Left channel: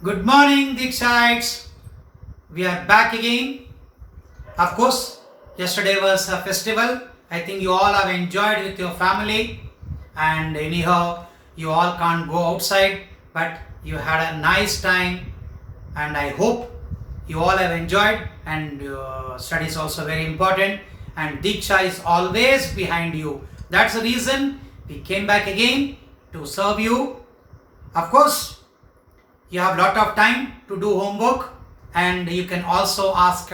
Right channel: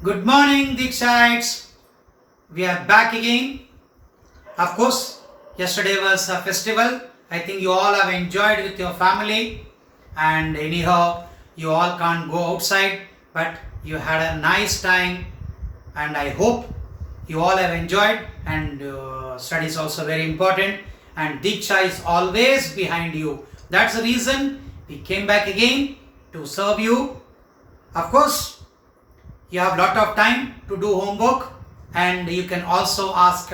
Good morning, Deeksha. We are back again. Of course, yesterday was a festival. I think you all have enjoyed with your family, and anyhow, you all can't go outside, but you had a nice time, and I hope you all have enjoyed. And study is also very important, and Deeksha is always behind you. That's the reason we came back again to serve you. Of course, you have lot of time to do homework, and you can also ask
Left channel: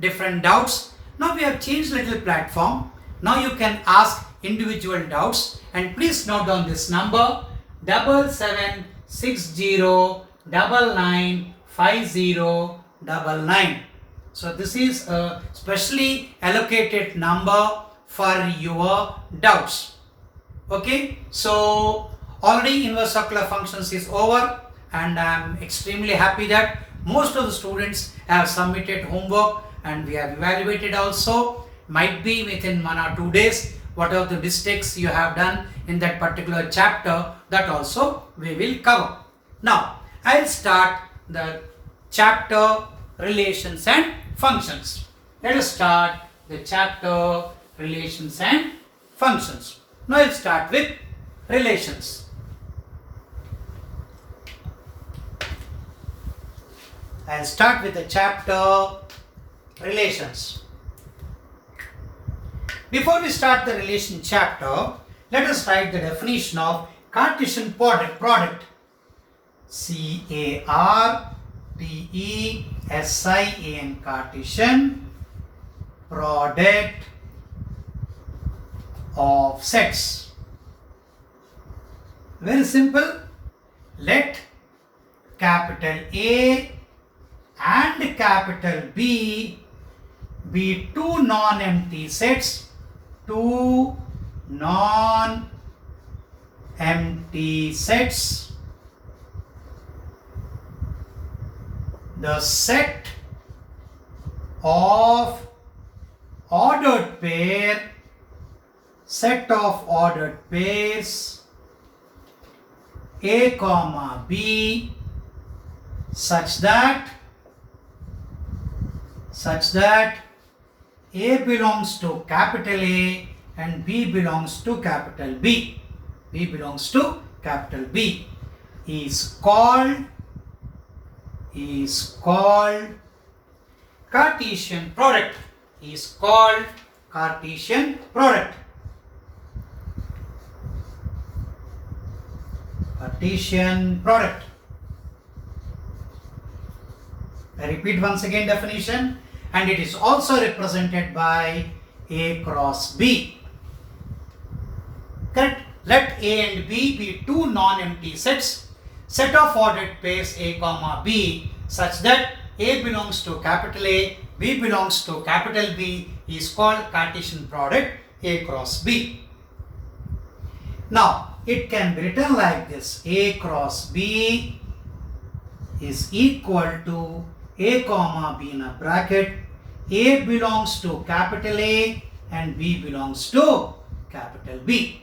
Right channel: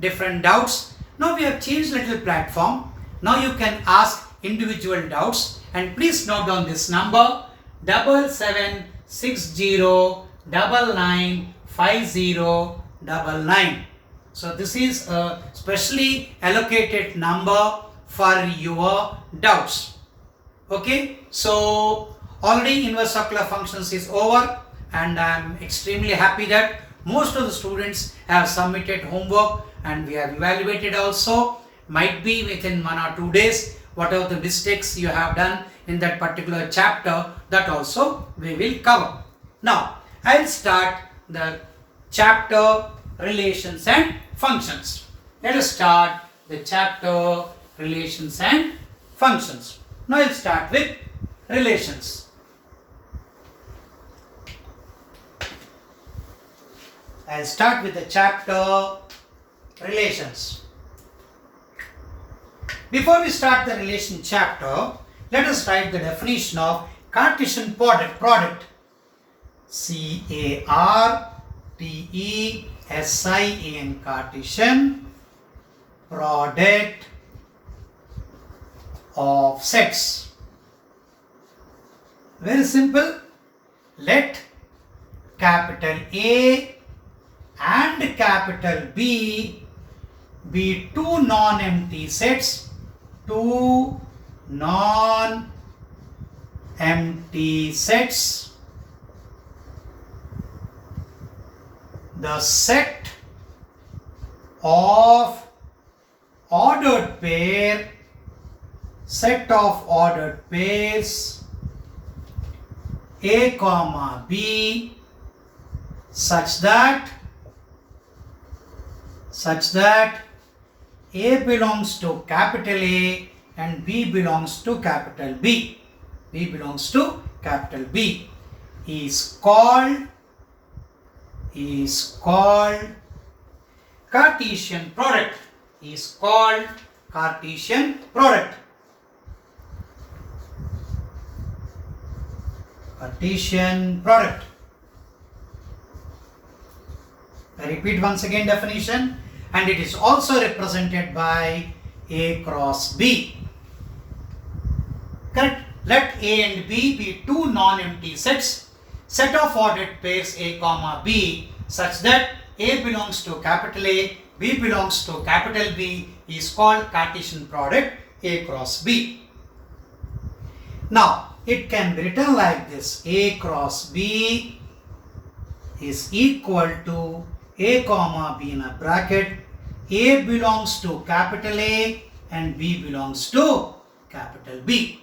different doubts. Now we have changed little platform. Now you can ask individual doubts, and please note down this number 7760995099. So this is a specially allocated number for your doubts. Okay, so already inverse circular functions is over, and I am extremely happy that most of the students have submitted homework, and we have evaluated also. Might be within 1 or 2 days, whatever the mistakes you have done in that particular chapter, that also we will cover. Now I will start the chapter relations and functions. Let us start the chapter relations and functions. Now I will start with relations. I'll start with the chapter relations. Before we start the relation chapter, let us write the definition of Cartesian product. C-A-R-T-E-S-I-A-N, Cartesian product of sets. Very simple. Let capital A and capital B be two non-empty sets. Two non-empty sets. The set of ordered pairs A comma B such that A belongs to capital A and B belongs to capital B. Is called Cartesian product. I repeat once again definition, and it is also represented by A cross B. Correct? Let A and B be two non-empty sets. Set of ordered pairs A comma B such that A belongs to capital A, B belongs to capital B is called Cartesian product A cross B. Now it can be written like this: A cross B is equal to A comma B in a bracket. A belongs to capital A and B belongs to capital B.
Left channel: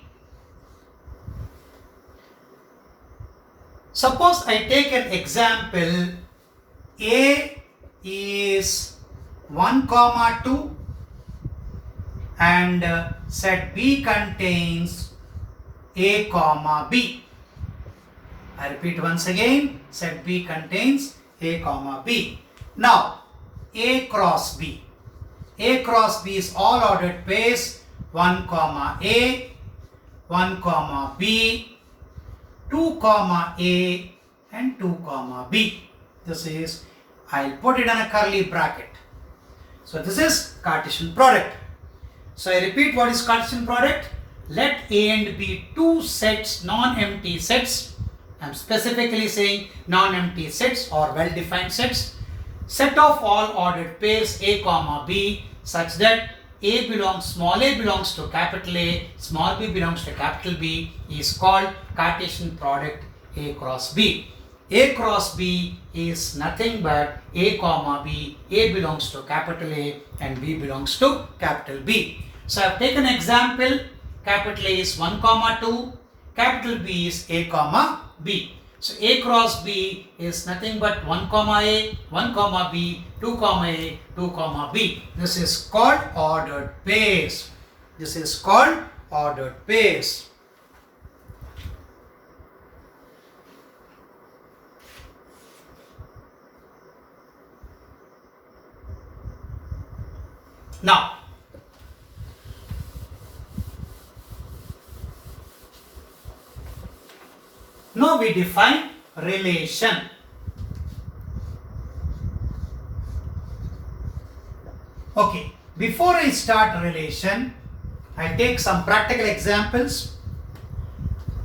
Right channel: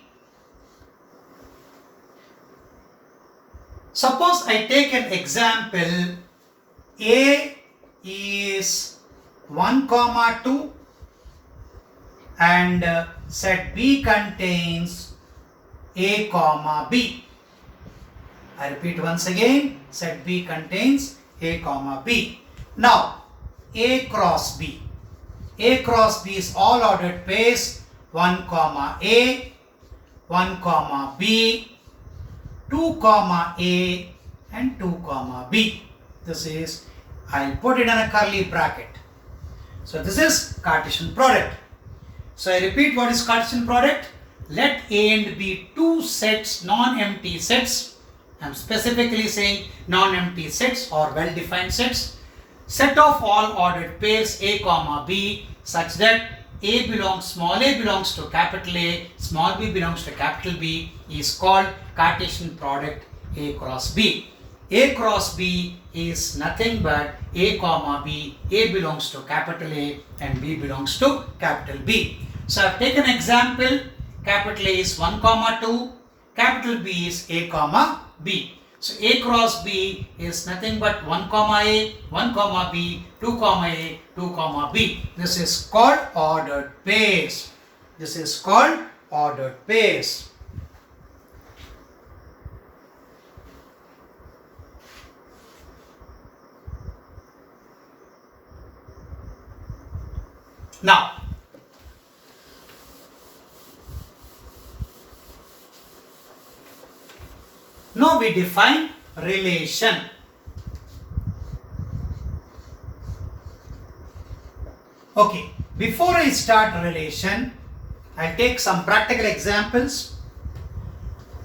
Suppose I take an example. A is 1, 2 and set B contains A comma B. I repeat once again, set B contains A comma B. Now A cross B. A cross B is all ordered pairs 1 comma A, 1 comma B, 2 comma A and 2 comma B. This is, I'll put it in a curly bracket. So this is Cartesian product. So I repeat, what is Cartesian product? Let A and B two sets, non-empty sets. I am specifically saying non-empty sets or well-defined sets. Set of all ordered pairs A comma B such that small a belongs to capital A, small b belongs to capital B is called Cartesian product A cross B. A cross B is nothing but A comma B. A belongs to capital A and B belongs to capital B. So I have taken an example. Capital A is 1, 2, capital B is A comma B. So A cross B is nothing but 1 comma A, 1 comma B, 2 comma A, 2 comma B. This is called ordered pairs. This is called ordered pairs. Now, we define relation. Okay, before I start relation, I'll take some practical examples.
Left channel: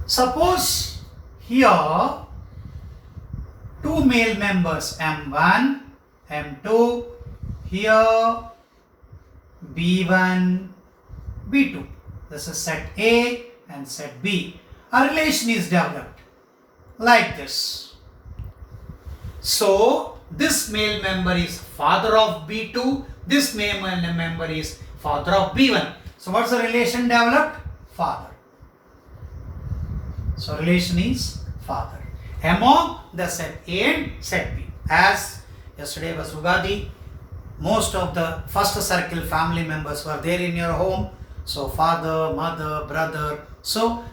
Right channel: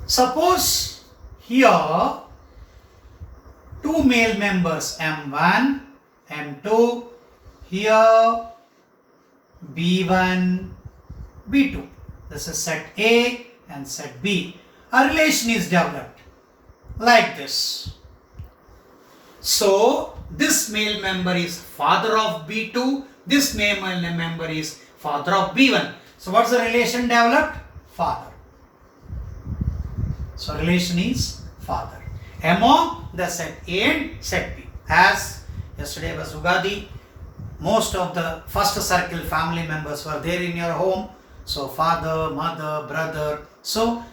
Suppose here two male members M1, M2, here B1, B2. This is set A and set B. A relation is developed like this. So, this male member is father of B2, this male member is father of B1. So, what's the relation developed? Father. So, relation is father among the set A and set B. As yesterday was Ugadi, most of the first circle family members were there in your home. So, father, mother, brother. So,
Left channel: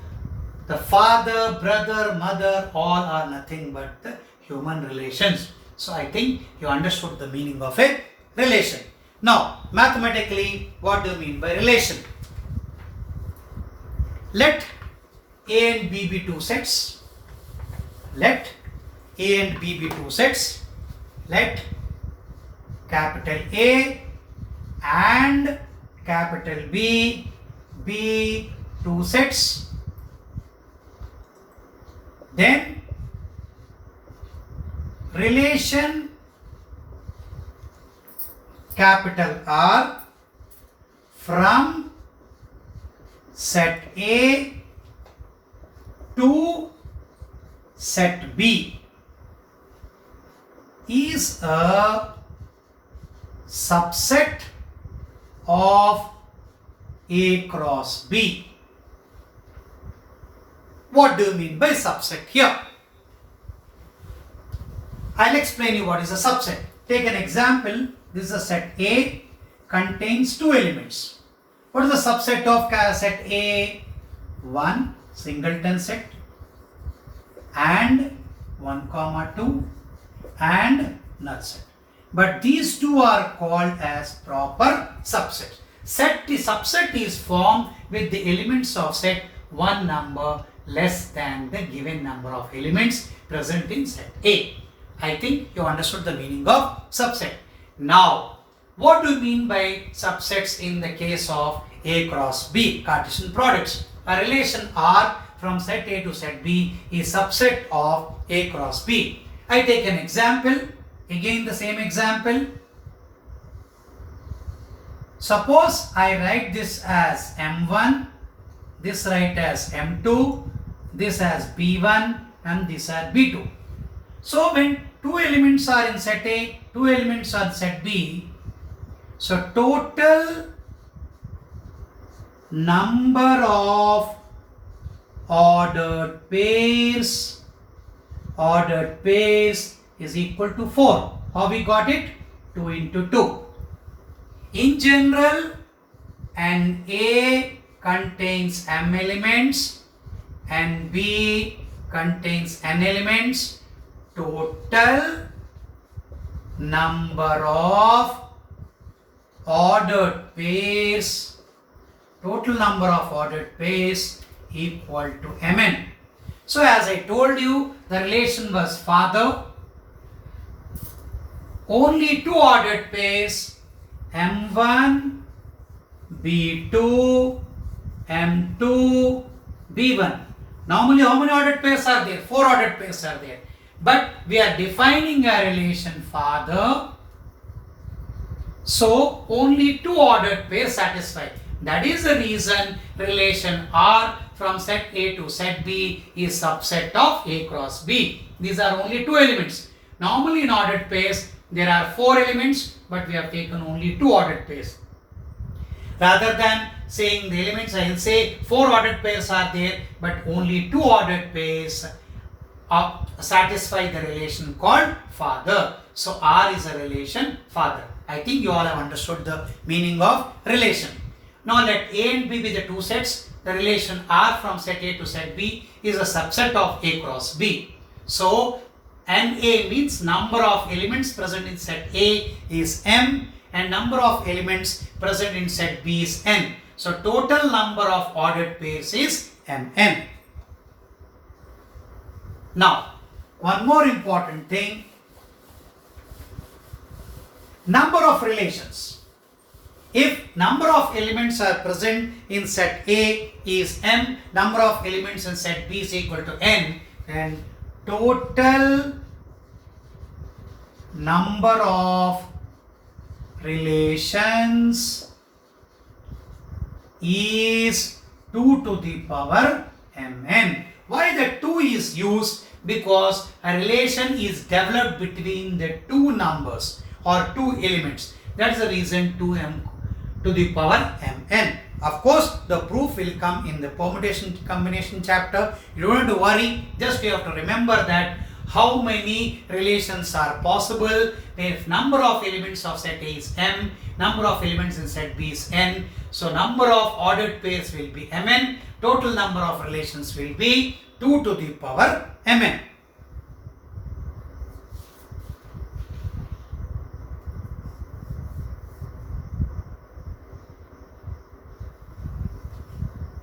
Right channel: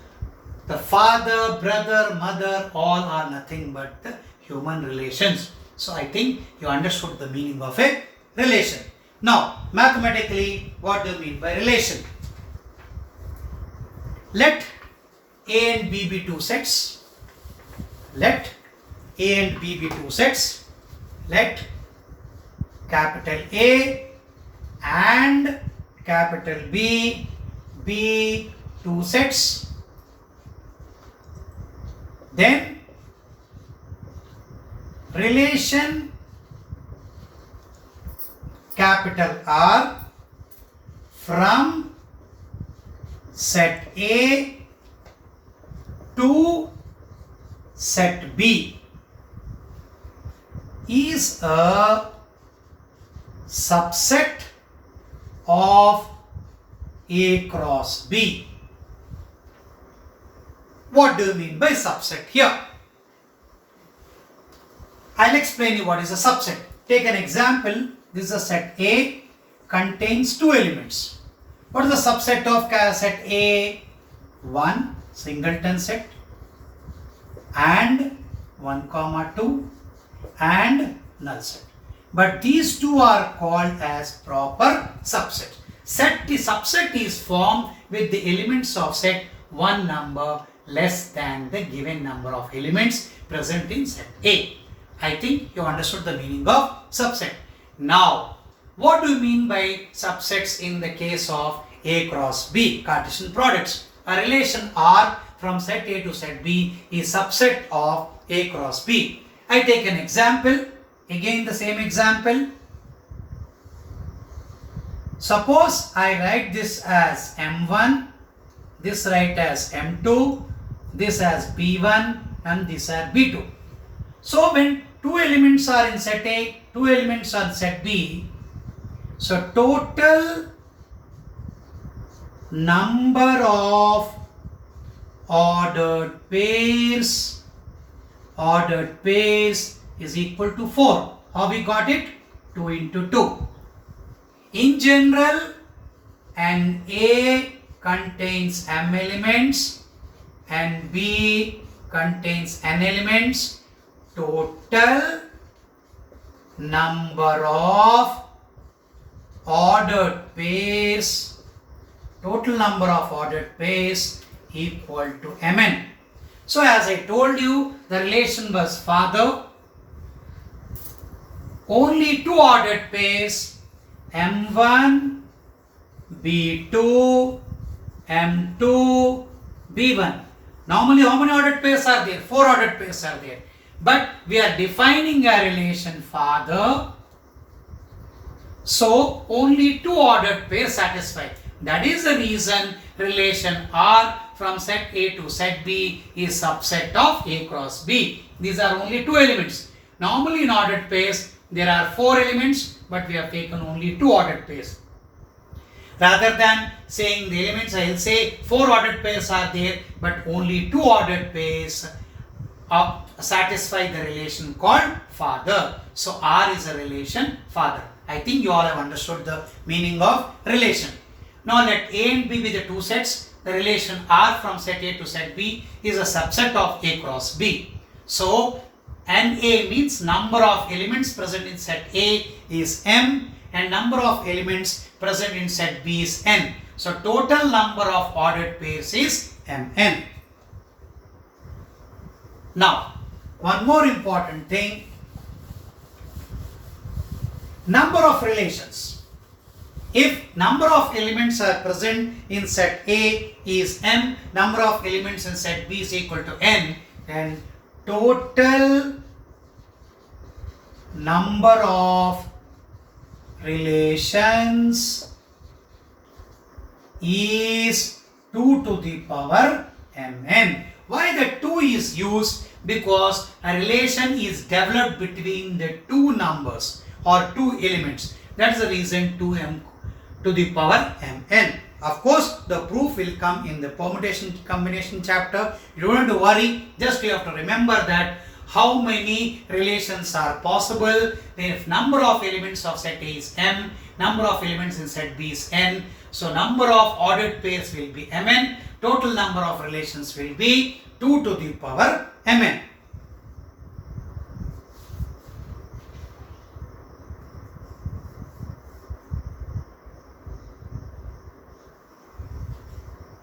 the father, brother, mother, all are nothing but the human relations. So, I think you understood the meaning of a relation. Now, mathematically, what do you mean by relation? Let A and B be two sets. Let A and B be two sets. Let capital A and capital B be two sets. Then relation capital R from set A to set B is a subset of A cross B. What do you mean by subset here? I'll explain you what is a subset. Take an example. This is a set A, contains two elements. What is the subset of set A? 1 singleton set and 1 comma 2 and null set. But these two are called as proper subset. The subset is formed with the elements of set one number less than the given number of elements present in set A. I think you understood the meaning of subset. Now, what do you mean by subsets in the case of A cross B, Cartesian products? A relation R from set A to set B is subset of A cross B. I take an example, again the same example. Suppose I write this as M1, this write as M2, this as B1 and this as B2. So when two elements are in set A, two elements are in set B, so total number of ordered pairs is equal to 4. How we got it? 2 into 2. In general, an A contains M elements and B contains N elements. Total number of ordered pairs equal to Mn. So as I told you, the relation was father. Only two ordered pairs, M1, B2, M2, B1. Normally how many ordered pairs are there? 4 ordered pairs are there. But we are defining a relation father. So only two ordered pairs satisfy. That is the reason relation R from set A to set B is subset of A cross B. These are only two elements. Normally in ordered pairs there are 4 elements, but we have taken only 2 ordered pairs. Rather than saying the elements, I will say 4 ordered pairs are there, but only 2 ordered pairs satisfy the relation called father. So R is a relation father. I think you all have understood the meaning of relation. Now let A and B be the two sets. The relation R from set A to set B is a subset of A cross B. So NA means number of elements present in set A is M and number of elements present in set B is N. So total number of ordered pairs is Mn. Now, one more important thing, number of relations. If number of elements are present in set A is M, number of elements in set B is equal to N, then total number of relations is 2 to the power Mn. Why the 2 is used? Because a relation is developed between the two numbers or two elements. That's the reason 2m to the power Mn. Of course, the proof will come in the permutation combination chapter. You don't have to worry, just you have to remember that how many relations are possible if number of elements of set A is M, number of elements in set B is N. So number of ordered pairs will be Mn, total number of relations will be 2 to the power Mn.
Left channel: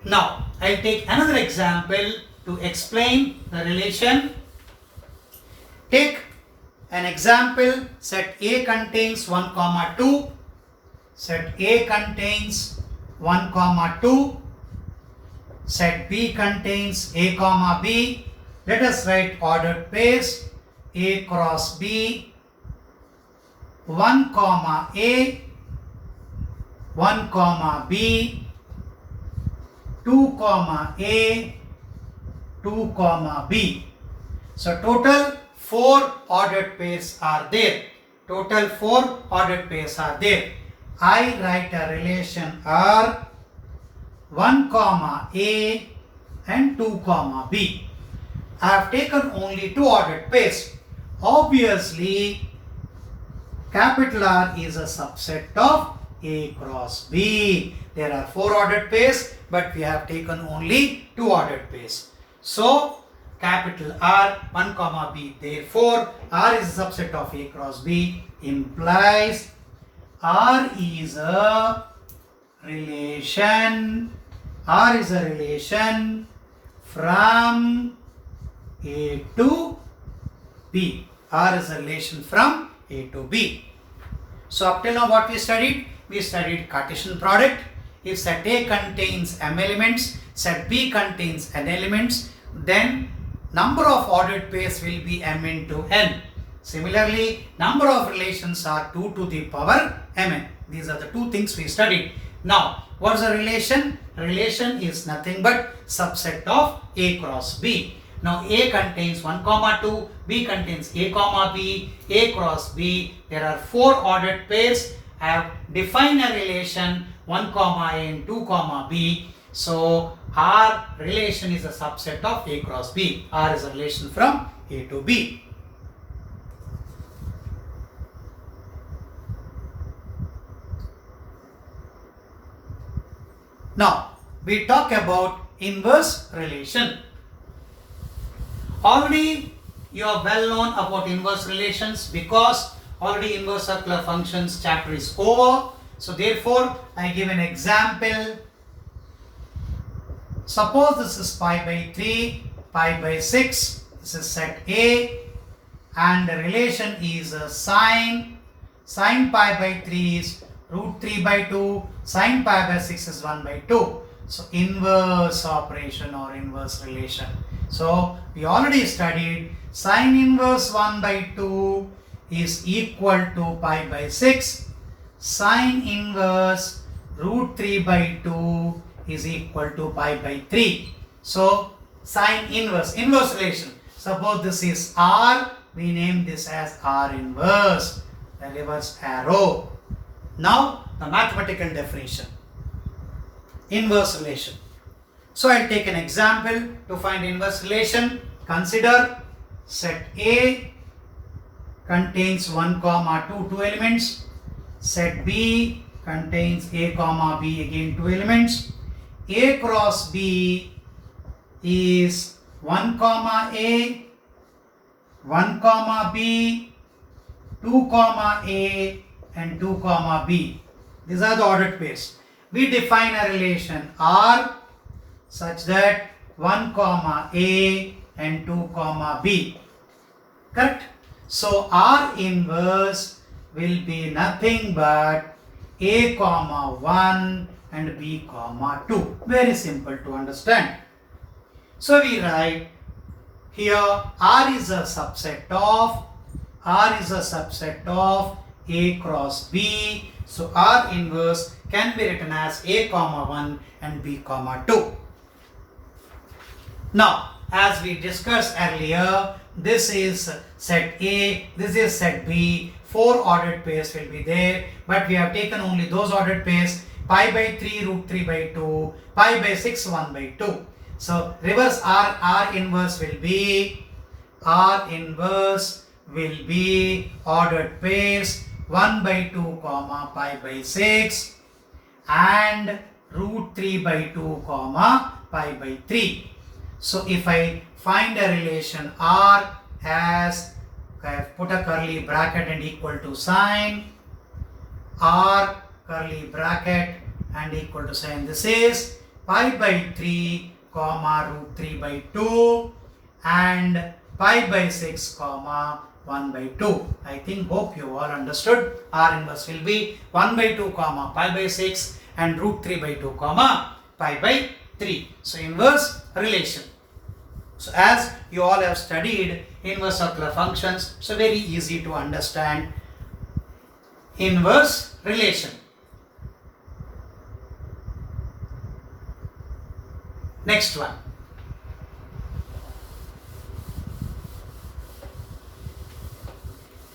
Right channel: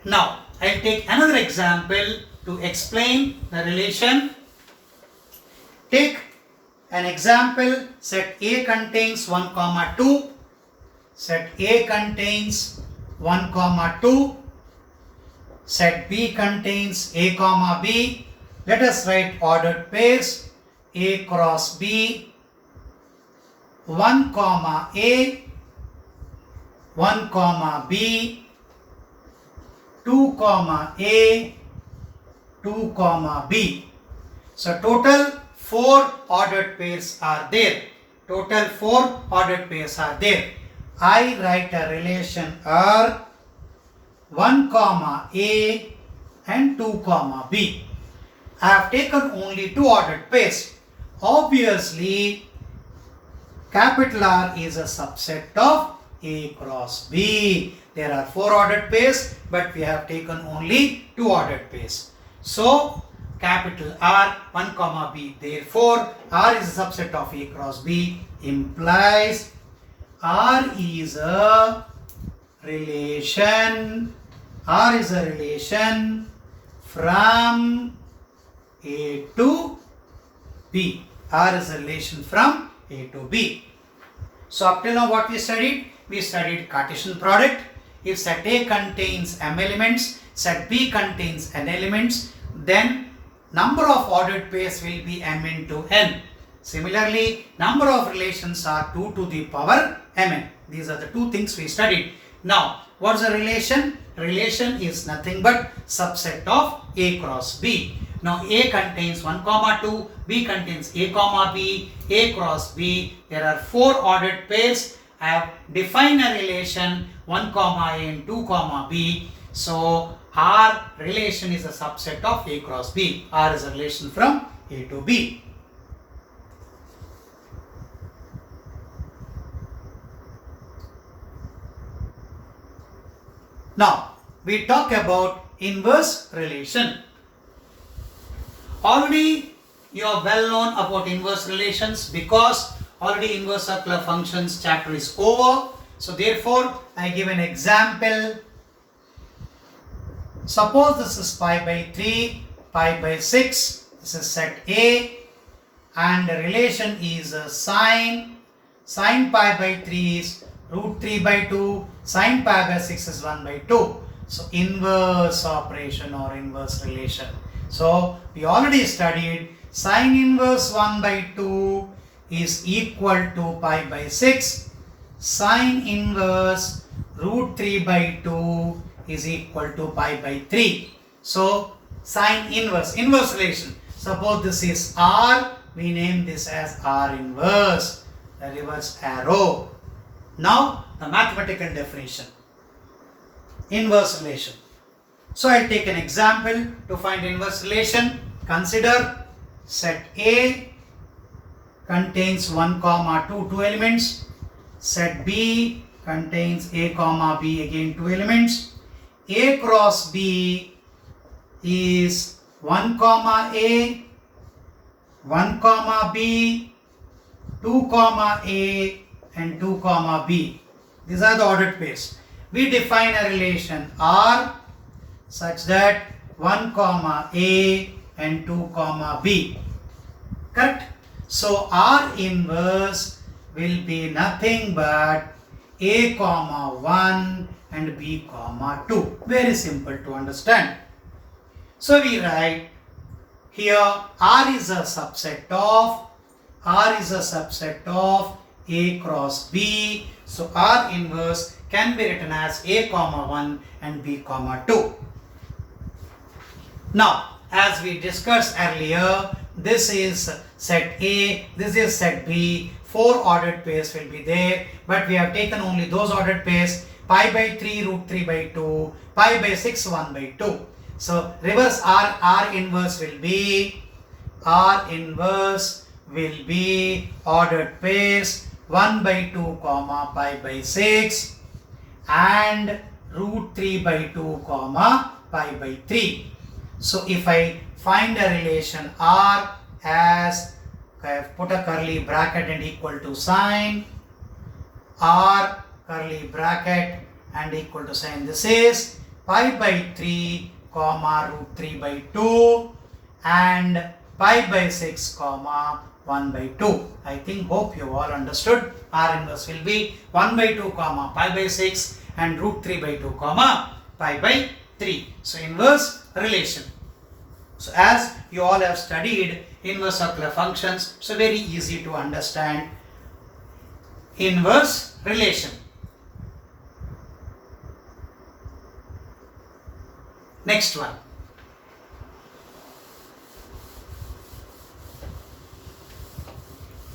Now, I'll take another example to explain the relation. Take an example, set A contains 1, 2, set A contains 1, 2, set B contains A, B. Let us write ordered pairs A cross B, 1, A, 1, B, 2, A, 2, B. So total 4 ordered pairs are there. Total 4 ordered pairs are there. I write a relation R 1, A and 2, B. I have taken only 2 ordered pairs. Obviously, capital R is a subset of A cross B. There are 4 ordered pairs, but we have taken only 2 ordered pairs. So, capital R 1, B. Therefore, R is a subset of A cross B implies R is a relation. R is a relation from A to B. R is a relation from A to B. So up till now what we studied? We studied Cartesian product. If set A contains M elements, set B contains N elements, then number of ordered pairs will be M into N. Similarly, number of relations are 2 to the power Mn. These are the two things we studied. Now, what is a relation? Relation is nothing but subset of A cross B. Now, A contains 1, 2, B contains A, B, A cross B. There are 4 ordered pairs. I have defined a relation 1, A and 2, B. So, R relation is a subset of A cross B. R is a relation from A to B. Now, we talk about inverse relation. Already you are well known about inverse relations because already inverse circular functions chapter is over. So therefore, I give an example. Suppose this is pi by 3, pi by 6. This is set A and the relation is sine. Sine pi by 3 is root 3 by 2. Sine pi by 6 is 1 by 2. So inverse operation or inverse relation. So we already studied sine inverse 1 by 2 is equal to pi by 6. Sine inverse root 3 by 2 is equal to pi by 3. So sine inverse relation. Suppose this is R, we name this as R inverse, the reverse arrow. Now the mathematical definition. Inverse relation. So I'll take an example to find inverse relation. Consider set A contains 1 comma 2, 2 elements. Set B contains A comma B, again 2 elements. A cross B is 1 comma A, 1 comma B, 2 comma A and 2 comma B. These are the ordered pairs. We define a relation R such that 1 comma A and 2 comma B. Correct? So R inverse will be nothing but A comma 1 and B comma 2. Very simple to understand. So we write here R is a subset of A cross B. So R inverse can be written as A comma 1 and B comma 2. Now, as we discussed earlier, this is set A, this is set B. 4 ordered pairs will be there, but we have taken only those ordered pairs: pi by 3 root 3 by 2, pi by 6 1 by 2. So reverse R inverse will be ordered pairs 1 by 2 comma pi by 6 and root 3 by 2 comma pi by 3. So if I find a relation R as, I have put a curly bracket and equal to sign, R curly bracket and equal to sign, this is pi by 3 comma root 3 by 2 and pi by 6 comma 1 by 2. I hope you all understood. R inverse will be 1 by 2 comma pi by 6 and root 3 by 2 comma pi by 3. So inverse relation. So as you all have studied inverse circular functions, so very easy to understand inverse relation. Next one.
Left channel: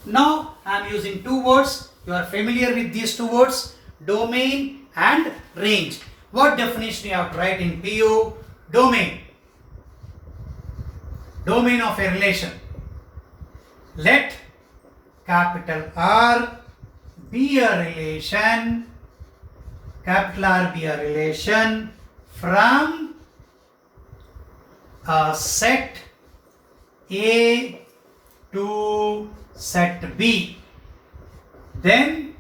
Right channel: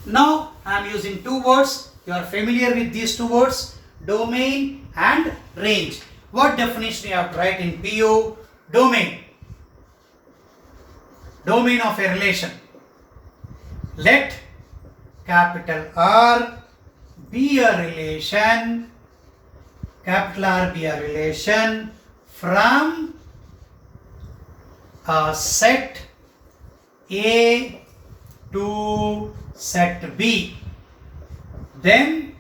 Now I am using two words. You are familiar with these two words, domain and range. What definition you have to write in PU? Domain. Domain of a relation. Let capital R be a relation, capital R be a relation from a set A to set B. Then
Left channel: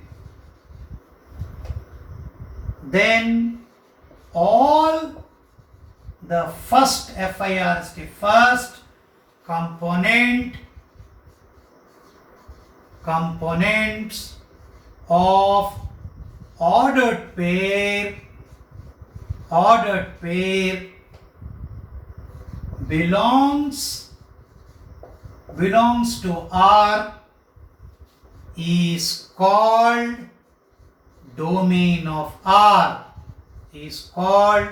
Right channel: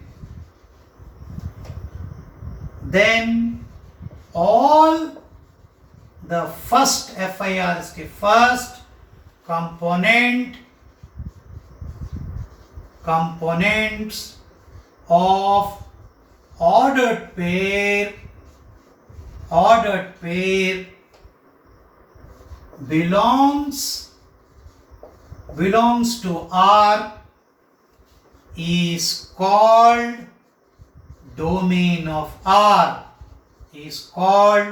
all the first FIR is the first components of ordered pair belongs to R is called domain of R, is called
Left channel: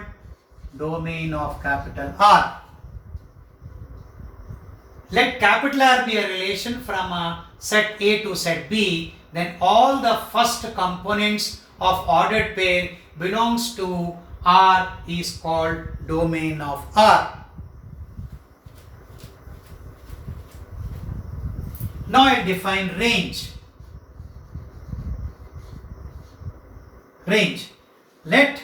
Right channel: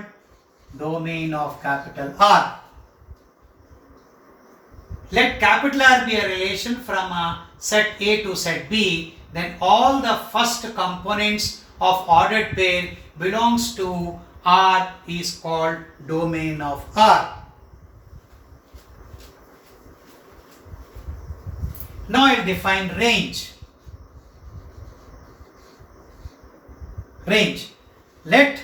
domain of capital R. Let capital R be a relation from a set A to set B, then all the first components of ordered pair belongs to R is called domain of R. Now I will define range. Range. Let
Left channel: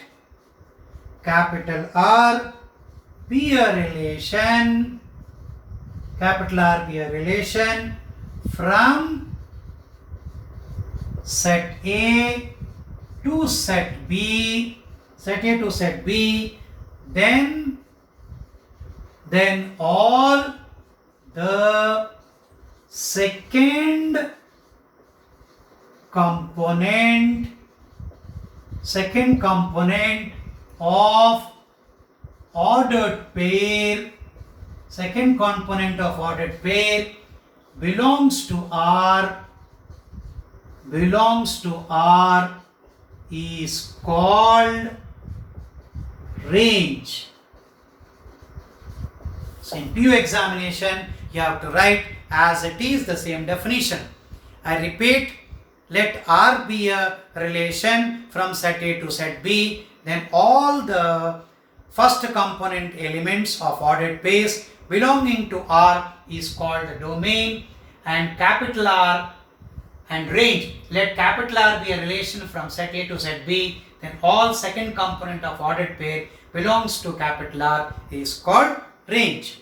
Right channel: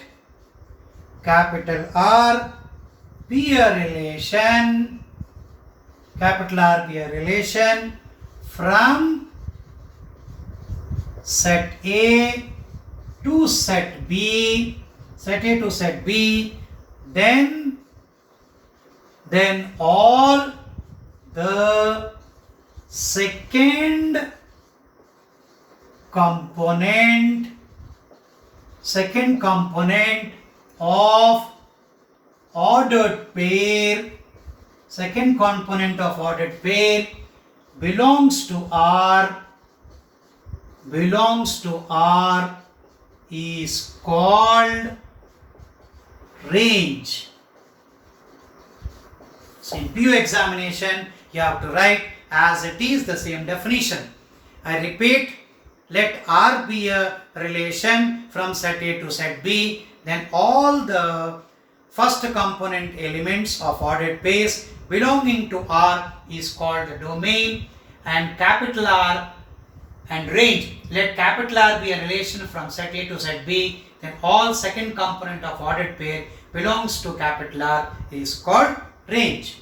capital R be a relation, capital R be a relation from set A to set B, set A to set B, then all the second component of ordered pair, second component of ordered pair belongs to R is called range. So in PU examination you have to write as it is the same definition. I repeat, let R be a relation from set A to set B, then all the first component elements of ordered pairs belonging to R is called the domain, and capital R and range. Let capital R be a relation from set A to set B, then all second component of ordered pair belongs to capital R is called range.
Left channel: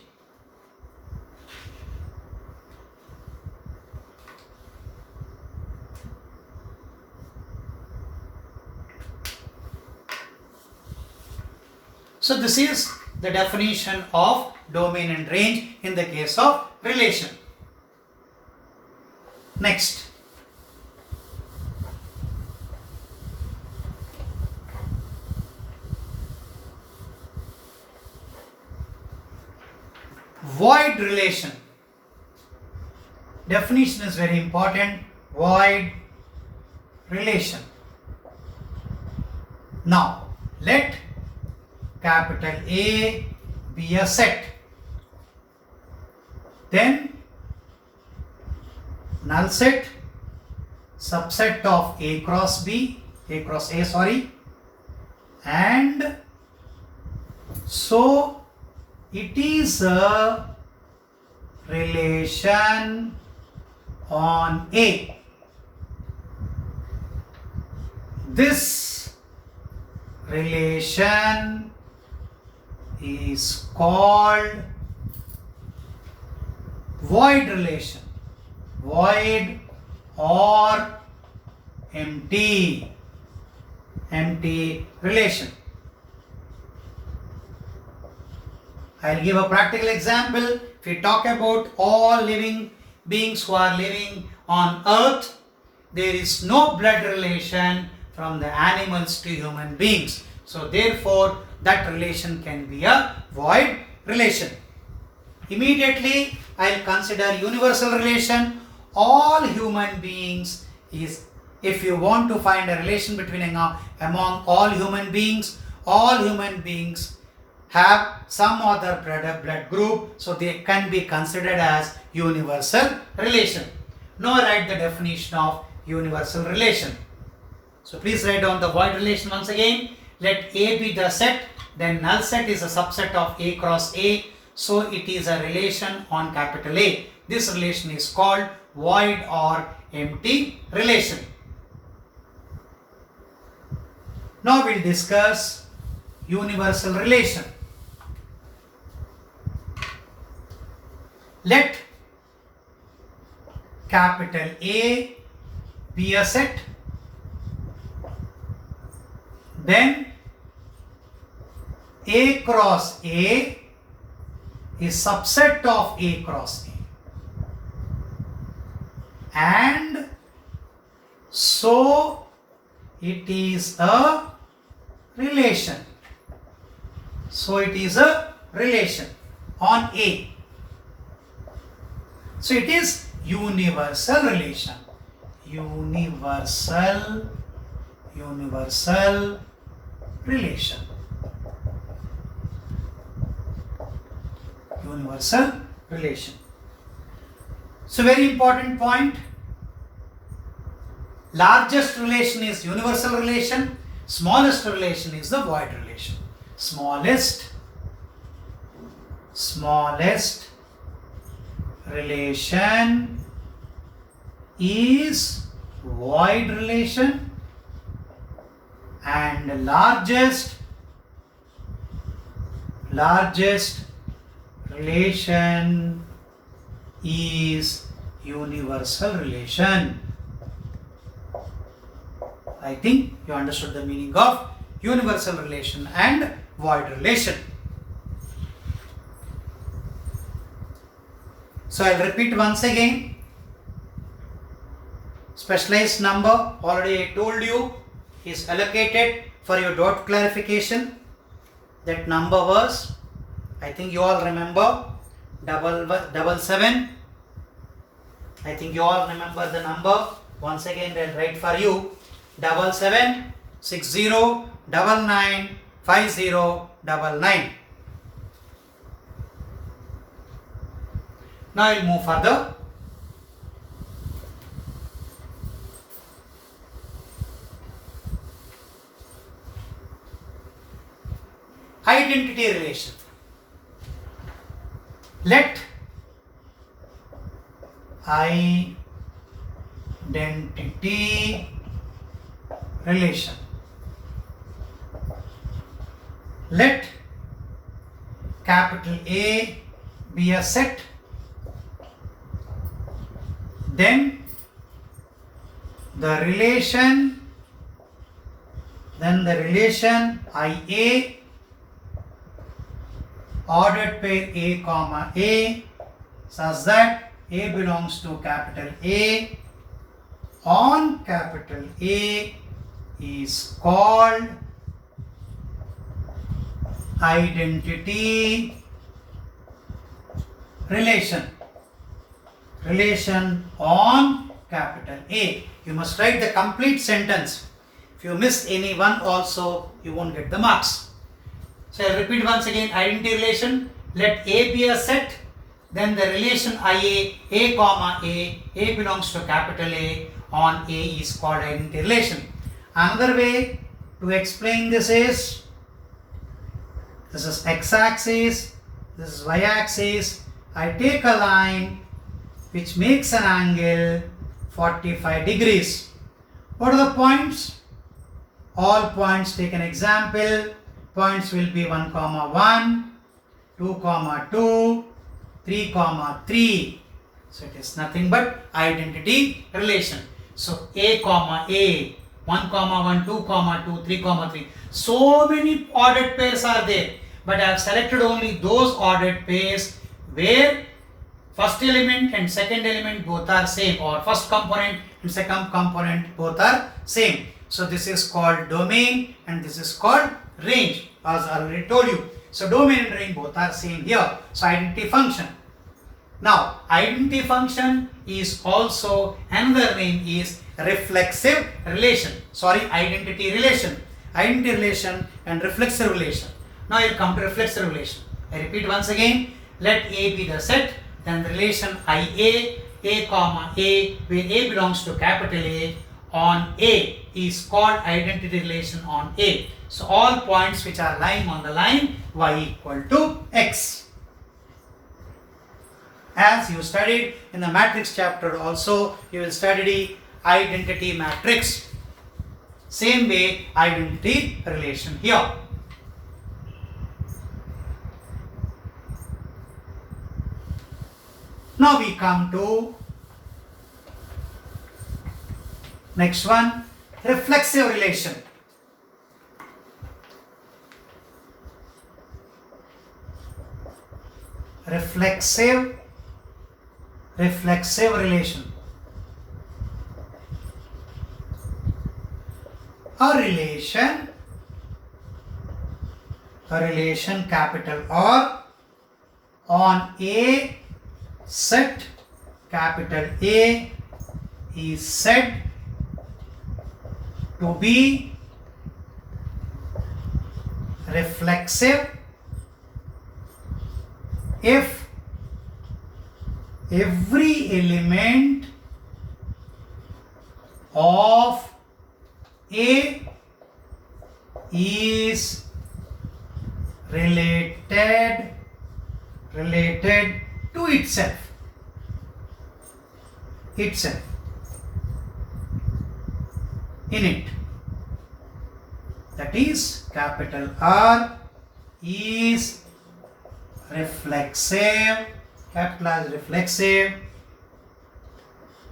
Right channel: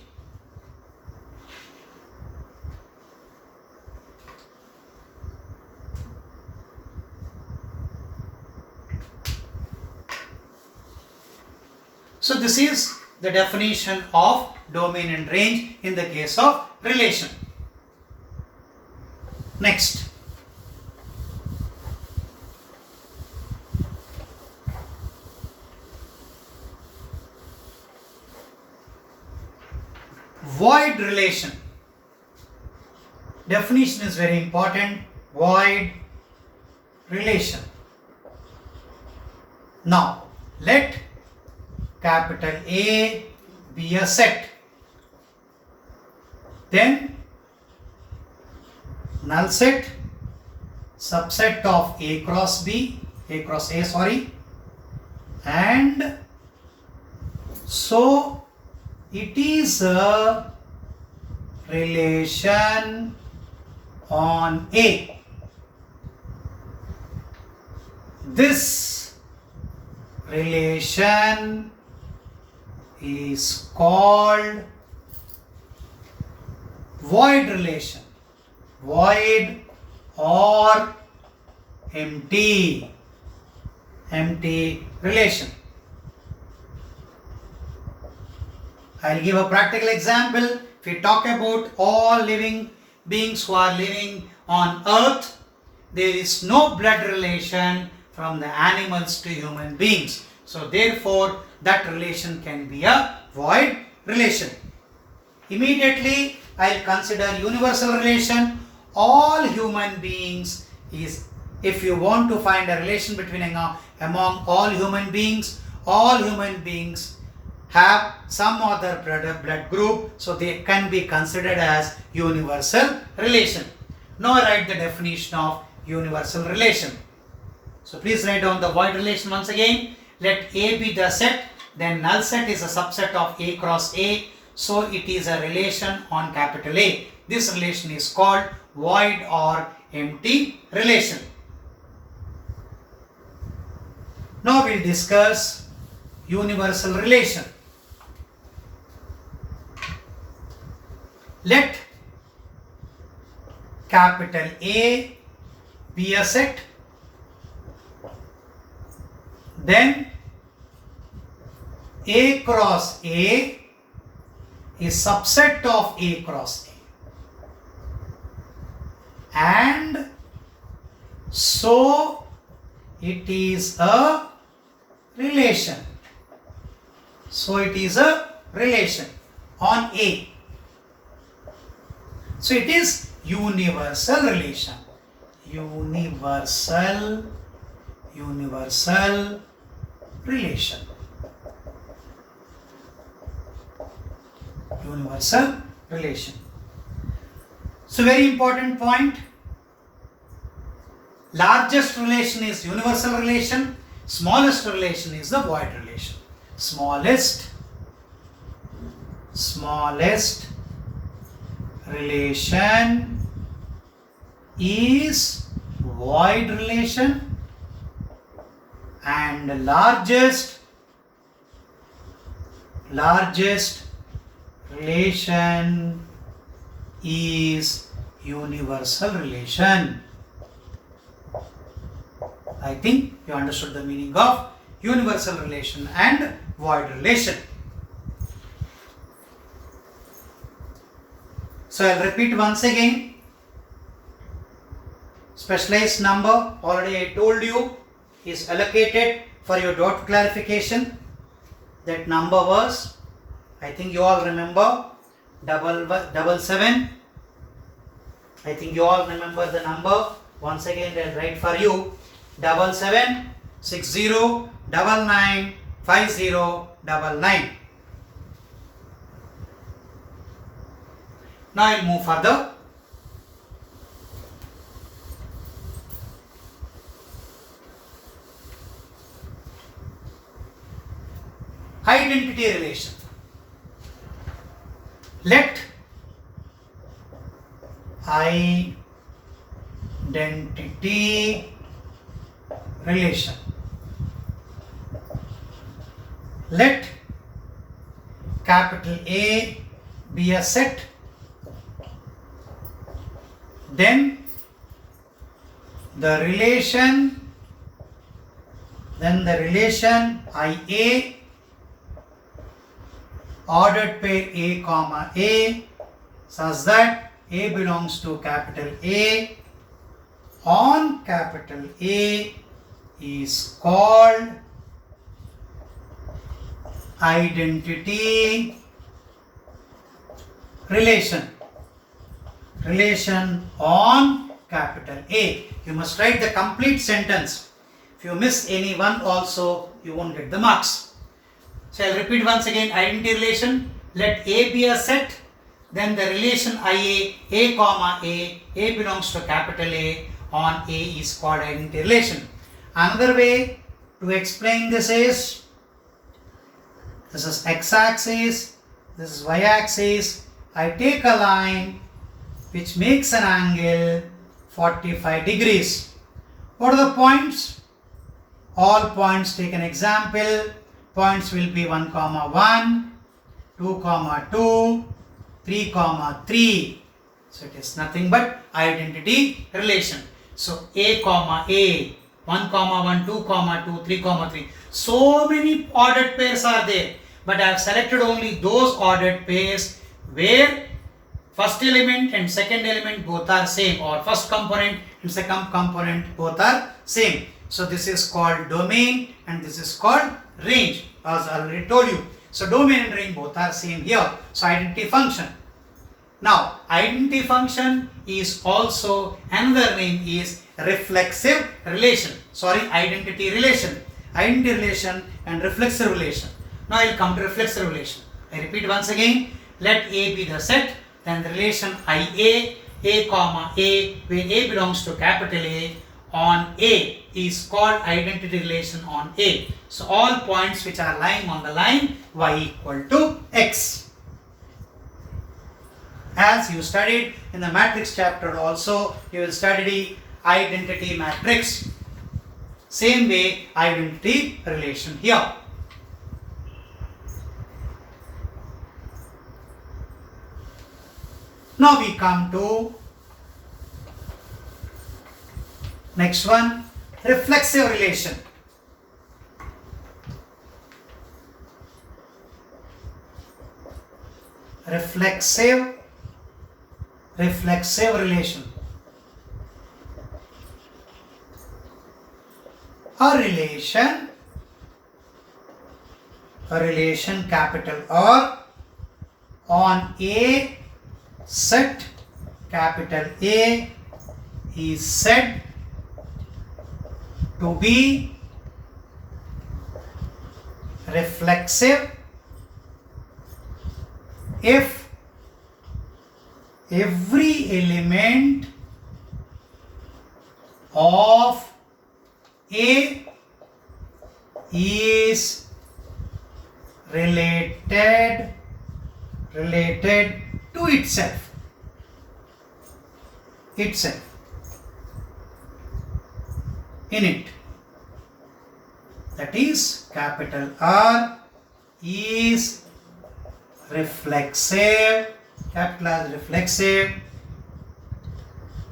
So this is the definition of domain and range in the case of relation. Next. Void relation. Definition is very important. Void relation. Now, let capital A be a set. Then, null set, subset of A cross A, sorry, and so it is a relation on A. This relation is called void relation, void or empty relation. I'll give a practical example. If we talk about all living beings who are living on earth, there is no blood relation from the animals to human beings. So therefore, that relation can be a void relation. Immediately, I'll consider universal relation. All human beings is, if you want to find a relation between among all human beings have some other blood group, so they can be considered as universal relation. Now I write the definition of universal relation. So please write down the void relation once again. Let A be the set, then null set is a subset of A cross A, so it is a relation on capital A. This relation is called void or empty relation. Now we'll discuss universal relation. Let capital A be a set, then A cross A is subset of A cross A, and so it is a relation. So it is a relation on A. So it is universal relation. Universal relation. Universal relation. So very important point. Largest relation is universal relation. Smallest relation is the void relation. Smallest relation is void relation, and largest relation is universal relation. I think you understood the meaning of universal relation and void relation. So I'll repeat once again. Specialized number, already I told you, is allocated for your dot clarification. That number was, I think you all remember, 777. I think you all remember the number. Once again I'll write for you. 7760995099. Now I'll move further. Identity relation. Let identity relation. Let capital A be a set, then the relation IA ordered pair A comma A such that A belongs to capital A on capital A is called identity relation. Relation on capital A. You must write the complete sentence. If you miss any one also, you won't get the marks. So I'll repeat once again. Identity relation. Let A be a set. Then the relation IA, A comma A belongs to capital A on A is called identity relation. Another way to explain this is x-axis, this is y-axis. I take a line which makes an angle 45 degrees. What are the points? All points, take an example. Points will be 1, 1, 2, 2, 3, 3. So it is nothing but identity relation. So A comma A, 1, 1, 2, 2, 3, 3. So many ordered pairs are there, but I have selected only those ordered pairs where first element and second element both are same, or first component and second component both are same. So this is called domain and this is called range, as I already told you. So domain and range both are same here. So identity function. Now identity function is also another name is reflexive relation. Identity relation. Identity relation and reflexive relation. Now I will come to reflexive relation. I repeat once again. Let A be the set, then the relation IA, A comma A, where A belongs to capital A on A is called identity relation on A. So all points which are lying on the line y equal to x. As you studied in the matrix chapter also, you will study identity matrix. Same way identity relation here. Now we come to next one, reflexive relation. Reflexive relation. A relation capital R on A set capital A is said to be reflexive if every element of A is related to itself. In it. That is, capital R is reflexive, capital R is reflexive,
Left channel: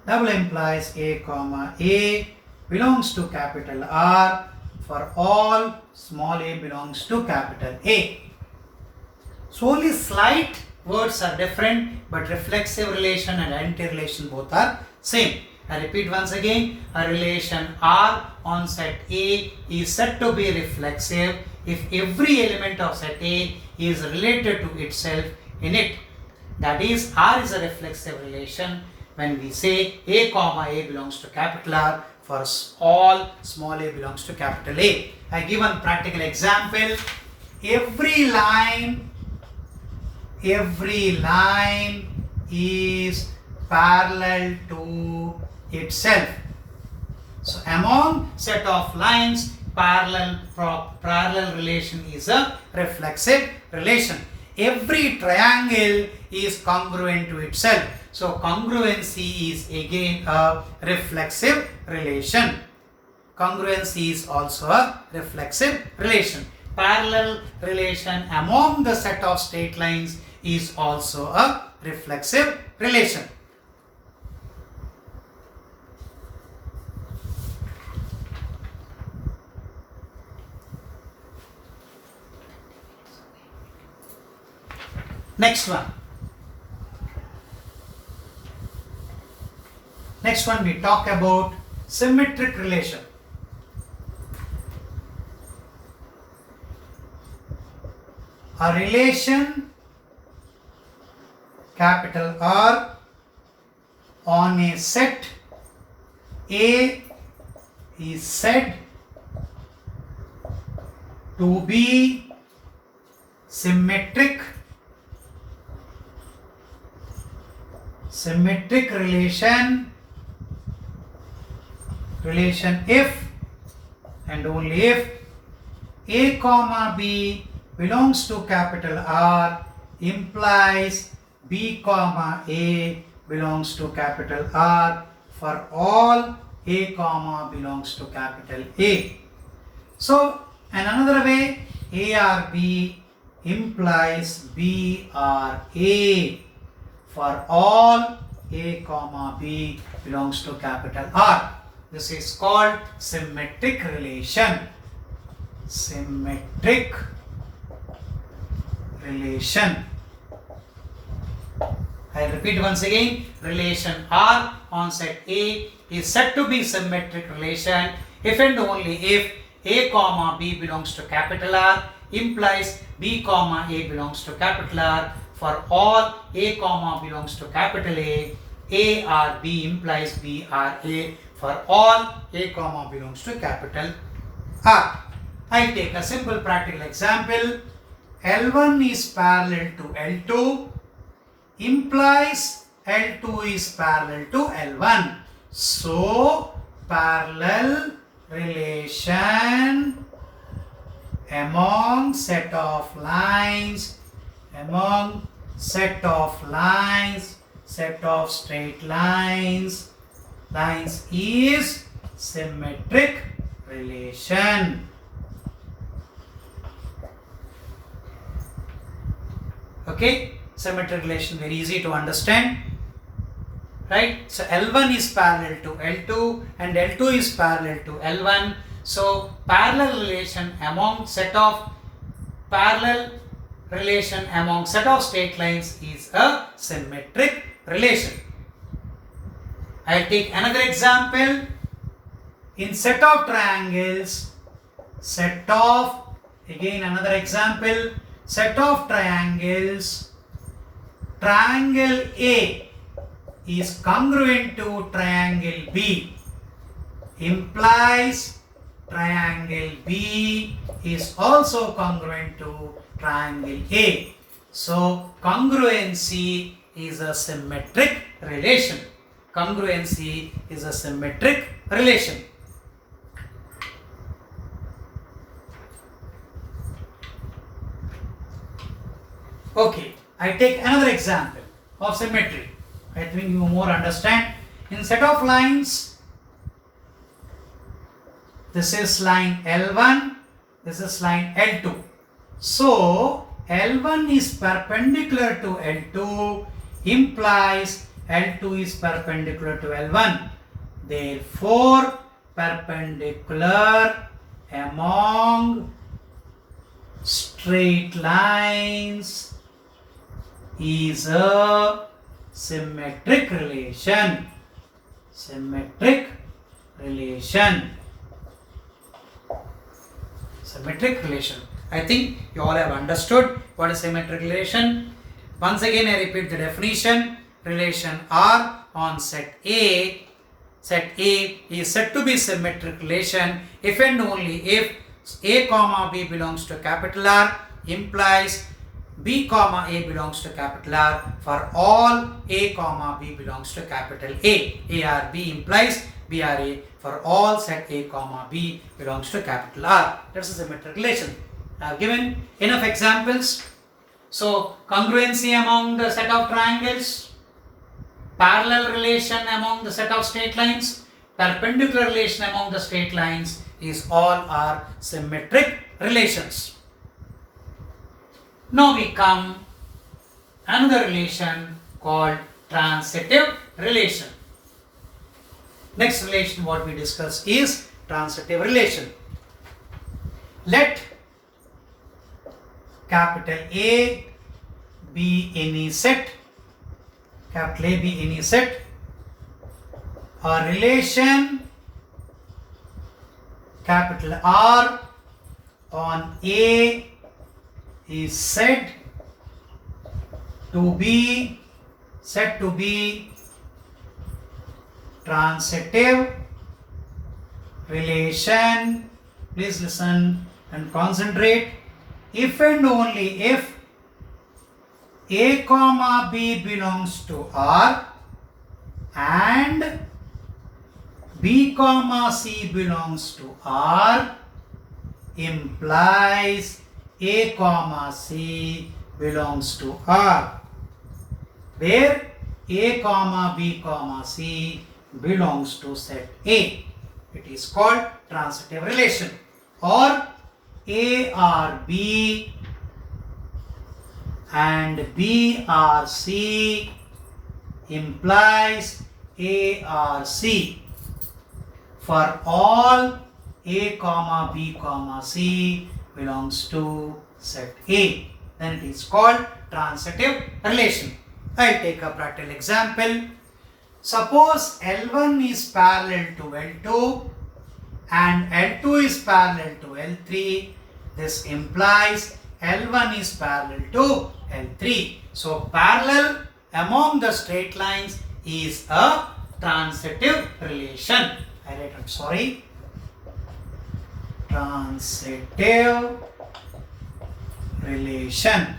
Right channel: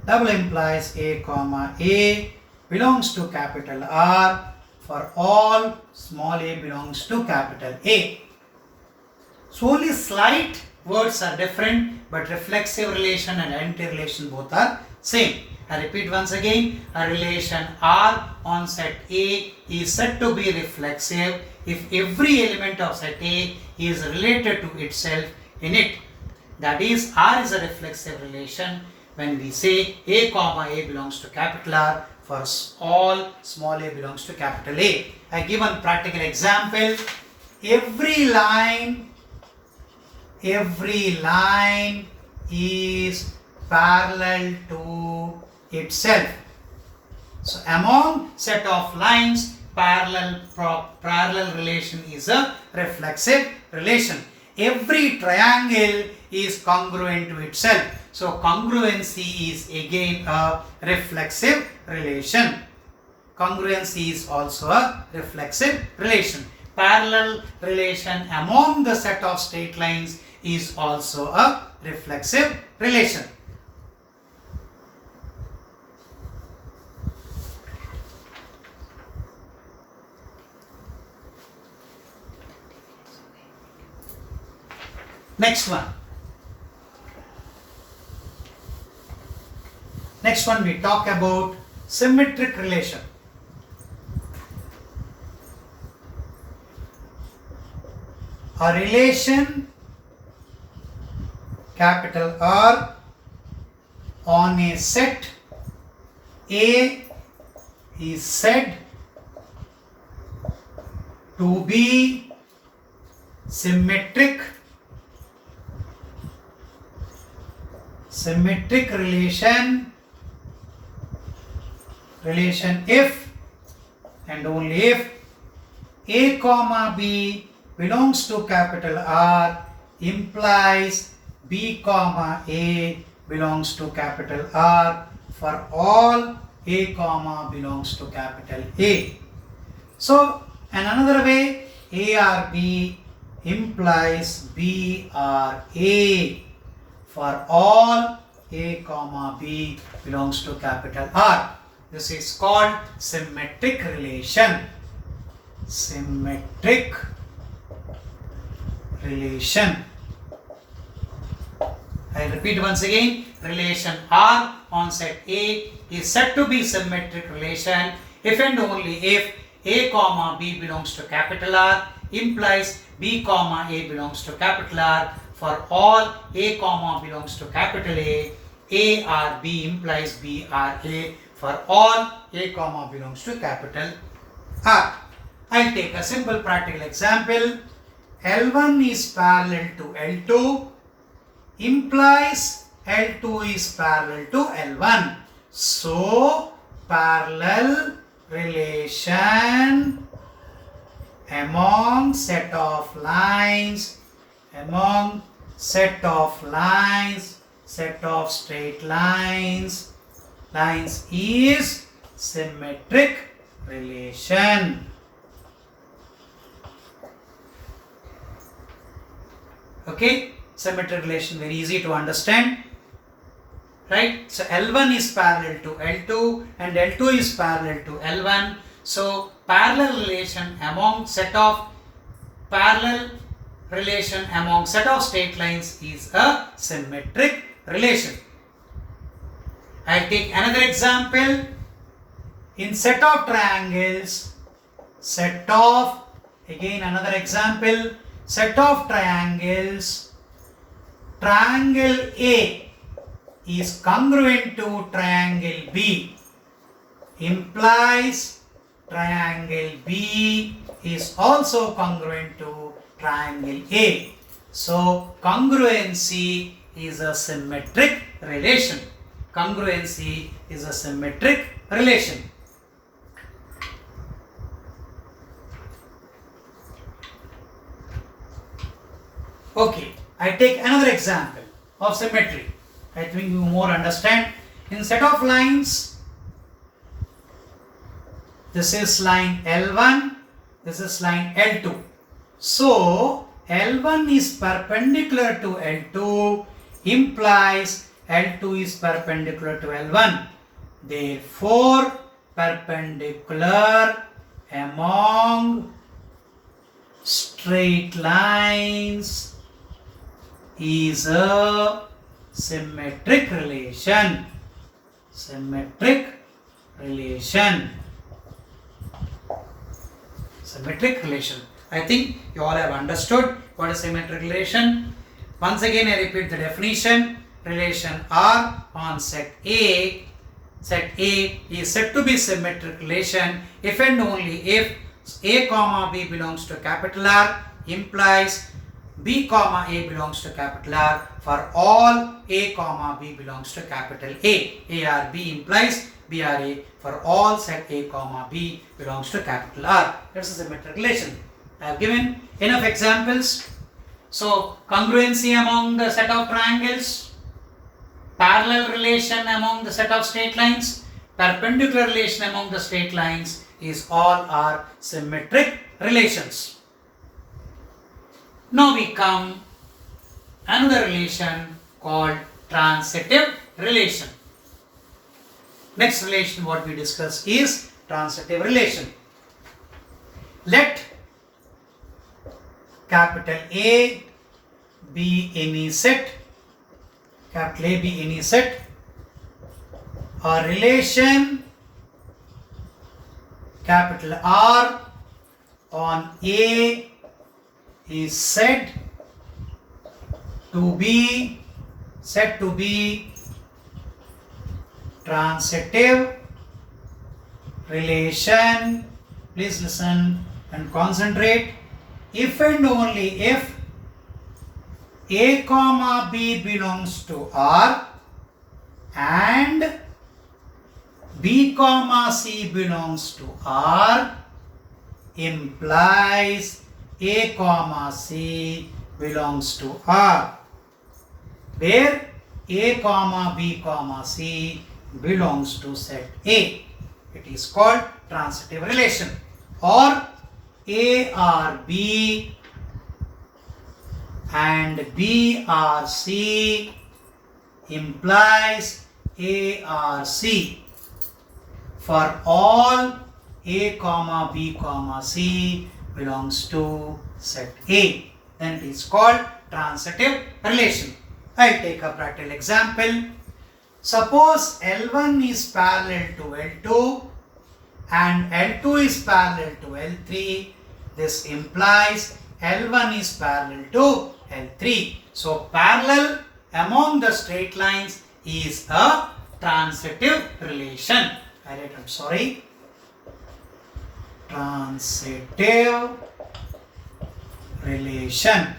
double implies A comma A belongs to capital R for all small a belongs to capital A. So only slight words are different, but reflexive relation and identity relation both are same. I repeat once again, a relation R on set A is said to be reflexive if every element of set A is related to itself in it. That is, R is a reflexive relation when we say A comma A belongs to capital R for all small a belongs to capital A. I give one practical example. Every line is parallel to itself. So among set of lines, parallel relation is a reflexive relation. every triangle is congruent to itself. So congruency is again a reflexive relation. Congruency is also a reflexive relation. Parallel relation among the set of straight lines is also a reflexive relation. Next one. Next one we talk about symmetric relation. A relation capital R on a set A is said to be symmetric. Symmetric relation if and only if A comma B belongs to capital R implies B comma A belongs to capital R for all A comma belongs to capital A. So, in another way, A or B implies B or A for all A comma B belongs to capital R. This is called symmetric relation. Symmetric relation. I repeat once again, relation R on set A is said to be symmetric relation if and only if A comma B belongs to capital R implies B comma A belongs to capital R for all A comma belongs to capital A or B implies B or A for all A comma belongs to capital R. I'll take a simple practical example. L1 is parallel to L2 implies L2 is parallel to L1. So, parallel relation among set of lines, set of straight lines is symmetric relation. Okay, symmetric relation, very easy to understand, right? So L1 is parallel to L2 and L2 is parallel to L1. So parallel relation among set of straight lines is a symmetric relation. I'll take another example. In set of triangles, another example, set of triangles, triangle A is congruent to triangle B implies triangle B is also congruent to triangle A. So congruency is a symmetric relation. Congruency is a symmetric relation. Okay, I take another example of symmetry. I think you more understand. In set of lines, this is line L1, this is line L2. So, L1 is perpendicular to L2 implies L2 is perpendicular to L1. Therefore, perpendicular among straight lines is a symmetric relation. Symmetric relation. Symmetric relation. I think you all have understood what is symmetric relation. Once again, I repeat the definition. Relation R on set A is said to be symmetric relation if and only if A comma B belongs to capital R implies B comma A belongs to capital R for all A comma B belongs to capital A. A or B implies B or A for all set A comma B belongs to capital R. That's a symmetric relation. I have given enough examples. So congruency among the set of triangles, parallel relation among the set of straight lines, perpendicular relation among the straight lines is all are symmetric relations. Now we come another relation called transitive relation. Next relation what we discuss is transitive relation. Let capital A be any set, capital A be any set, a relation capital R on A is said to be transitive relation. Please listen and concentrate. If and only if A comma B belongs to R and B comma C belongs to R implies A comma C belongs to R, where A comma B comma C belongs to set A. It is called transitive relation. Or A or B and B or C implies A or C for all A comma B comma C belongs to set A. Then it is called transitive relation. I take a practical example. Suppose L1 is parallel to L2 and L2 is parallel to L3. This implies L1 is parallel to L3. So parallel among the straight lines is a transitive relation. Transitive relation.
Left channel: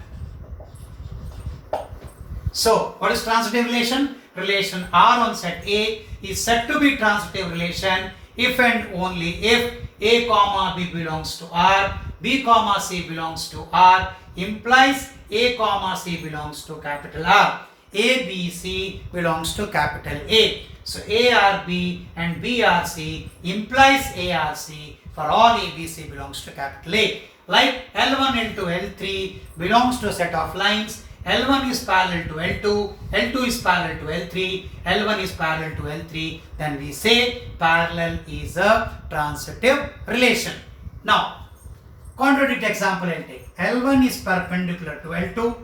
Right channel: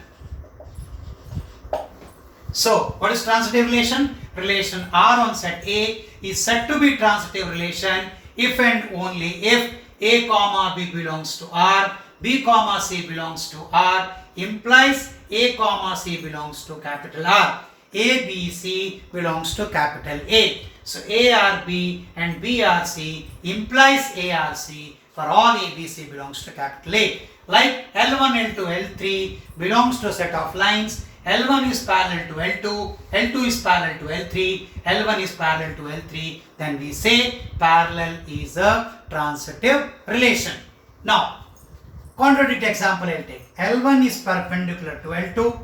So what is transitive relation? Relation R on set A is said to be transitive relation if and only if A comma B belongs to R, B comma C belongs to R implies A comma C belongs to capital R, A B C belongs to capital A. So A R B and B R C implies A R C for all A B C belongs to capital A. Like L1, L2, L3 belongs to a set of lines. L1 is parallel to L2, L2 is parallel to L3, L1 is parallel to L3, then we say parallel is a transitive relation. Now, contradict example I'll take. L1 is perpendicular to L2,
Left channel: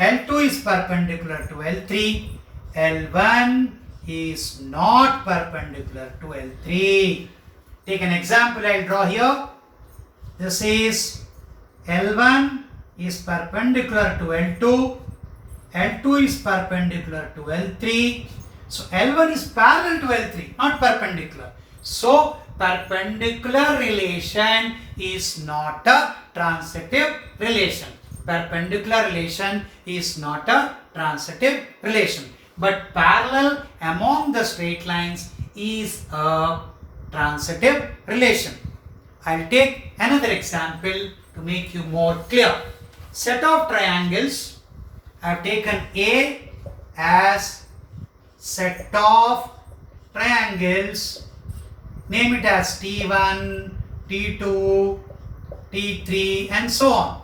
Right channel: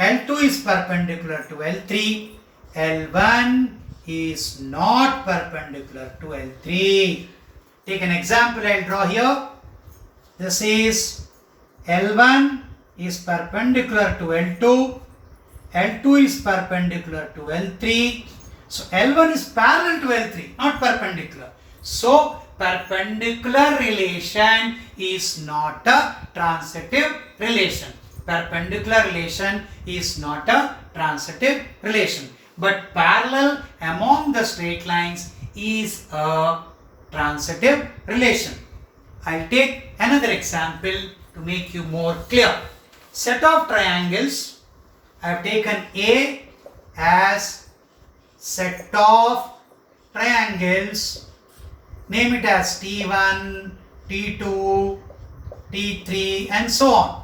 L2 is perpendicular to L3, L1 is not perpendicular to L3. Take an example I'll draw here. This is L1 is perpendicular to L2, L2 is perpendicular to L3. So L1 is parallel to L3, not perpendicular. So perpendicular relation is not a transitive relation. Perpendicular relation is not a transitive relation. But parallel among the straight lines is a transitive relation. I'll take another example to make you more clear. Set of triangles. I have taken A as set of triangles. Name it as T1, T2, T3 and so on.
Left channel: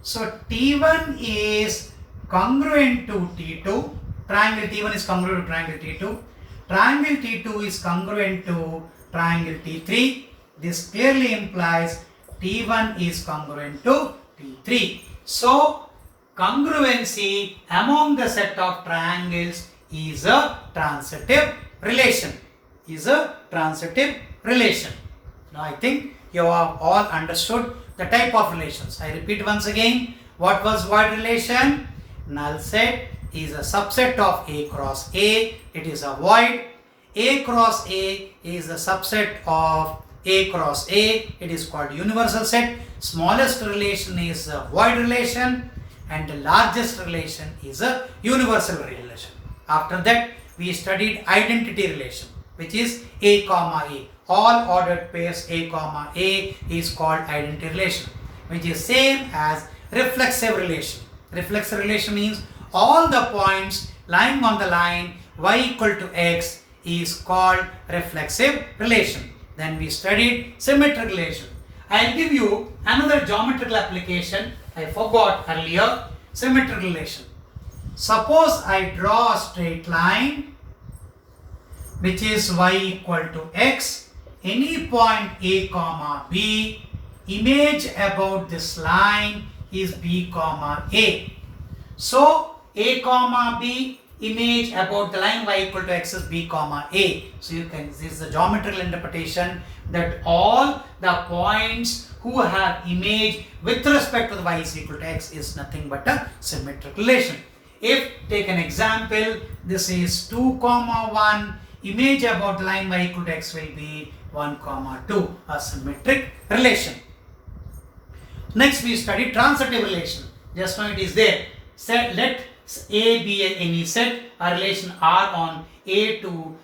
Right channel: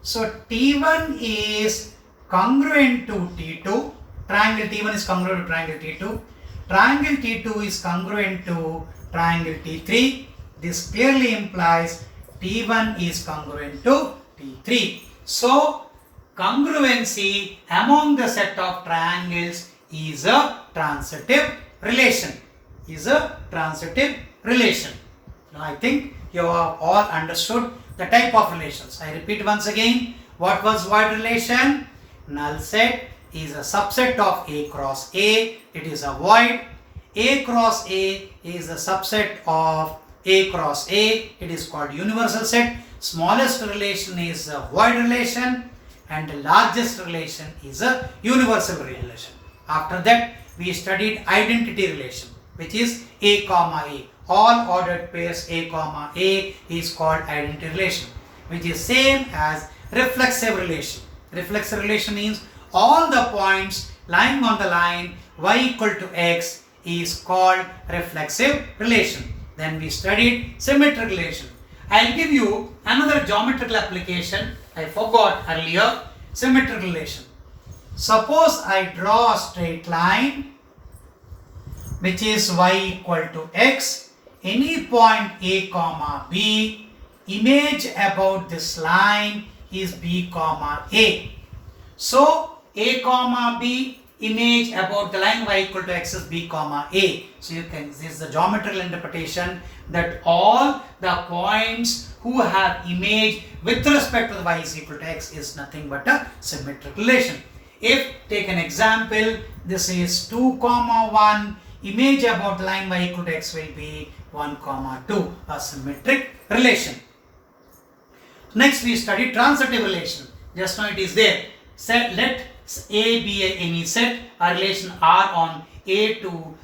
So T1 is congruent to T2. Triangle T1 is congruent to triangle T2. Triangle T2 is congruent to triangle T3. This clearly implies T1 is congruent to T3. So, congruency among the set of triangles is a transitive relation. Now, I think you have all understood the type of relations. I repeat once again, what was void relation? Null set is a subset of A cross A. It is a void. A cross A is a subset of A cross A. It is called universal set. Smallest relation is a void relation and the largest relation is a universal relation. After that, we studied identity relation, which is A comma A. All ordered pairs A comma A is called identity relation, which is same as reflexive relation. Reflexive relation means all the points lying on the line y equal to x is called reflexive relation. Then we studied symmetric relation. I'll give you another geometrical application I forgot earlier. Symmetric relation. Suppose I draw a straight line which is y equal to x. Any point a comma b, image about this line is b comma a. So a comma b, image about the line y equal to x is b comma a. So you can, this is the geometrical interpretation that all the points who have image with respect to the y is equal to x is nothing but a symmetric relation. If take an example, this is 2 comma 1, image about the line y equal to x will be 1 comma 2, a symmetric relation. Next we study transitive relation. Just now it is there. Let A be any set, a relation R on A to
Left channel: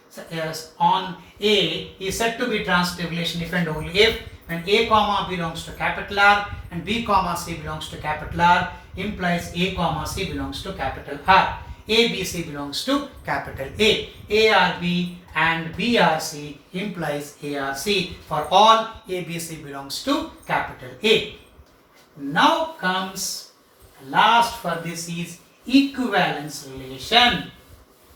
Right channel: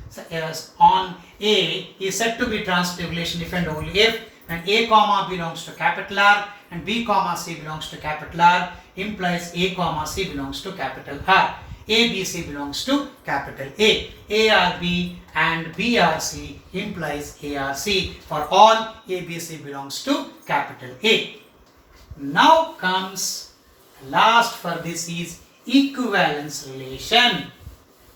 on A is said to be transitive relation if and only if and A comma belongs to capital R and B comma C belongs to capital R, implies A comma C belongs to capital R. A, B, C belongs to capital A. A R B and B R C implies A R C. For all, A, B, C belongs to capital A. Now comes last for this is equivalence relation.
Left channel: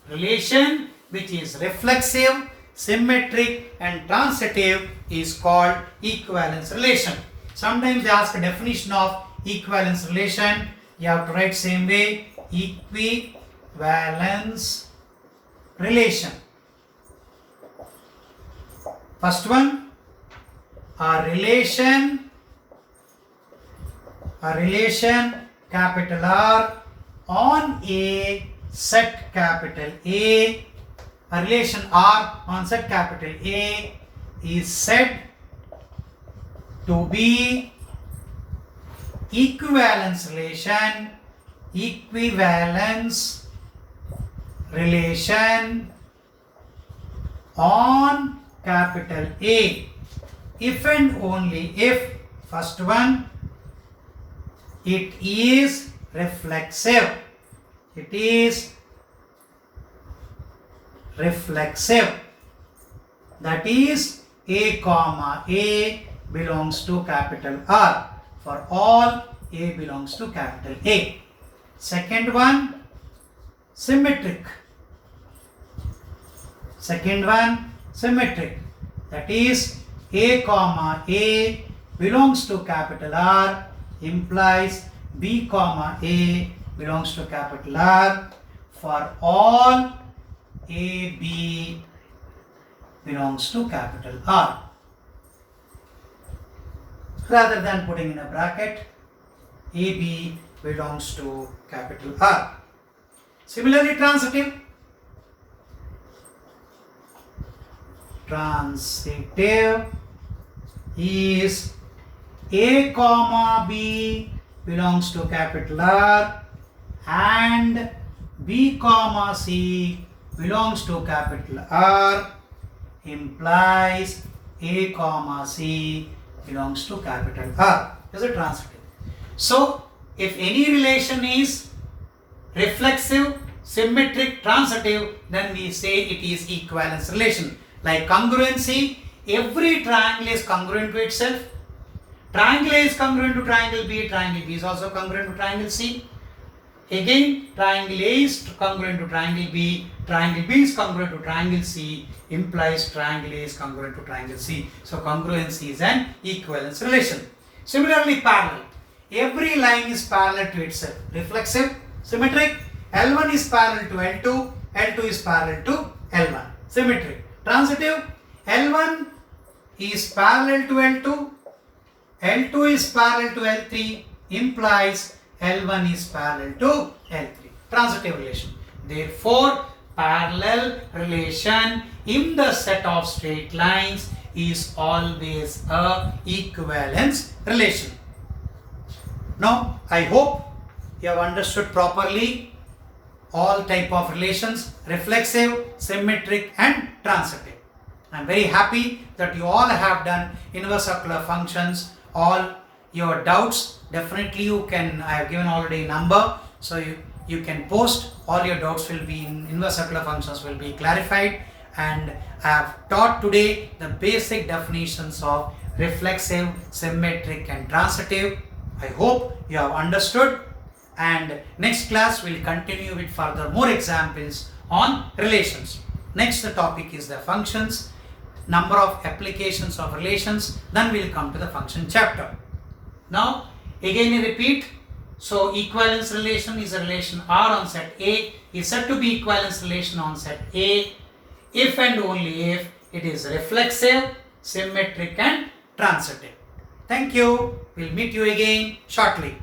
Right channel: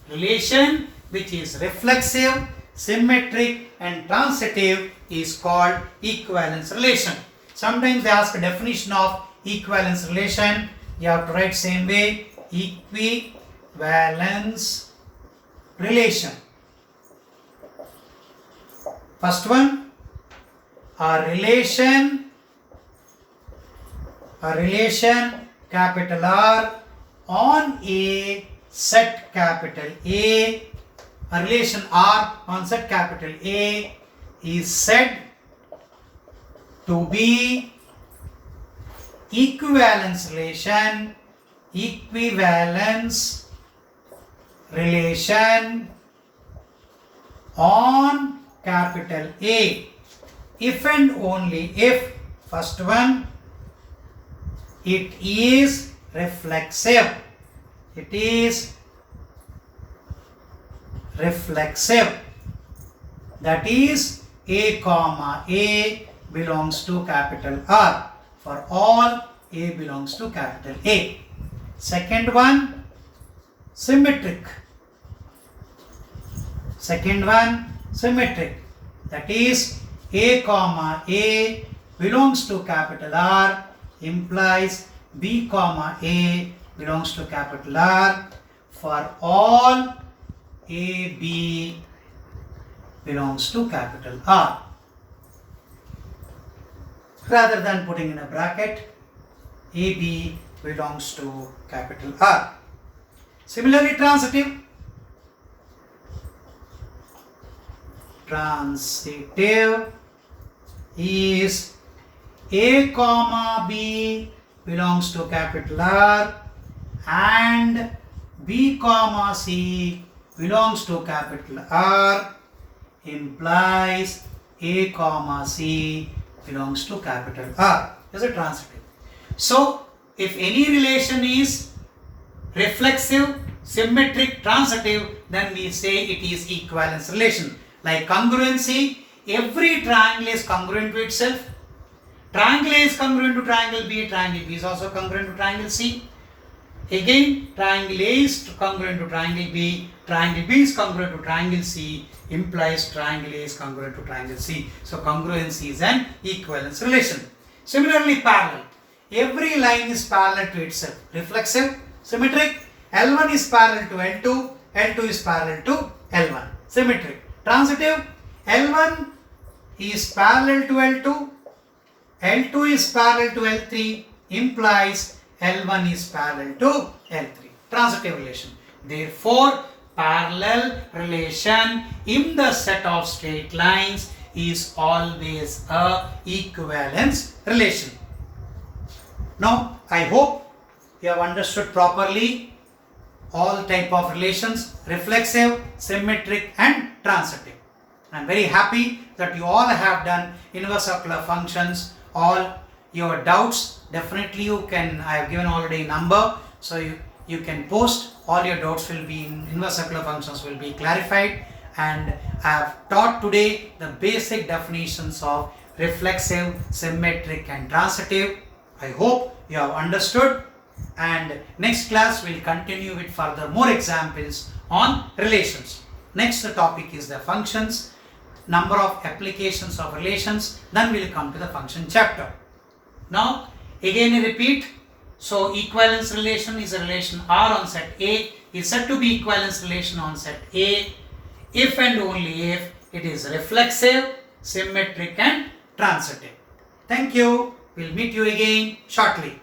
Relation which is reflexive, symmetric and transitive is called equivalence relation. Sometimes they ask a definition of equivalence relation. You have to write same way, equivalence relation. First one, a relation capital R on a set capital A, a relation R on set capital A is said to be equivalence relation on capital A if and only if, first one, it is reflexive. It is reflexive. That is A comma A belongs to capital R. For all, A belongs to capital A. Second one, symmetric. That is A comma A belongs to capital R implies B comma A belongs to capital R. For all, A, B belongs to capital R. Rather than putting in a bracket, A, B belongs to capital R. Similarly, transitive is A comma B belongs to capital R and B comma C belongs to capital R implies A comma C belongs to capital R. Is it transitive? So, if any relation is reflexive, symmetric, transitive, then we say it is equivalence relation. Like congruency, every triangle is congruent to itself. Triangle A is congruent to triangle B, triangle B is also congruent to triangle C. Again, triangle A is congruent to triangle B, triangle B is congruent to triangle C, implies triangle A is congruent to triangle C. So, congruency is an equivalence relation. Similarly, parallel. Every line is parallel to itself. Reflexive, symmetric, L1 is parallel to L2, L2 is parallel to L1. Symmetric. Transitive, L1 is parallel to L2, L2 is parallel to L3, implies L1 is parallel to L3. Transitive relation. Therefore, parallel relation in the set of straight lines is always a equivalence relation. Now, I hope you have understood properly all type of relations, reflexive, symmetric and transitive. I am very happy that you all have done inverse circular functions, all your doubts, definitely you can, I have given already number, so you can post, all your doubts will be in inverse circular functions will be clarified, and I have taught today the basic definitions of reflexive, symmetric and transitive. I hope you have understood, and next class will continue with further more examples on relations. Next topic is the functions, number of applications of relations, then we will come to the function chapter. Now again I repeat, so equivalence relation is a relation R on set A is said to be equivalence relation on set A if and only if it is reflexive, symmetric and transitive. Thank you. We'll meet you again shortly.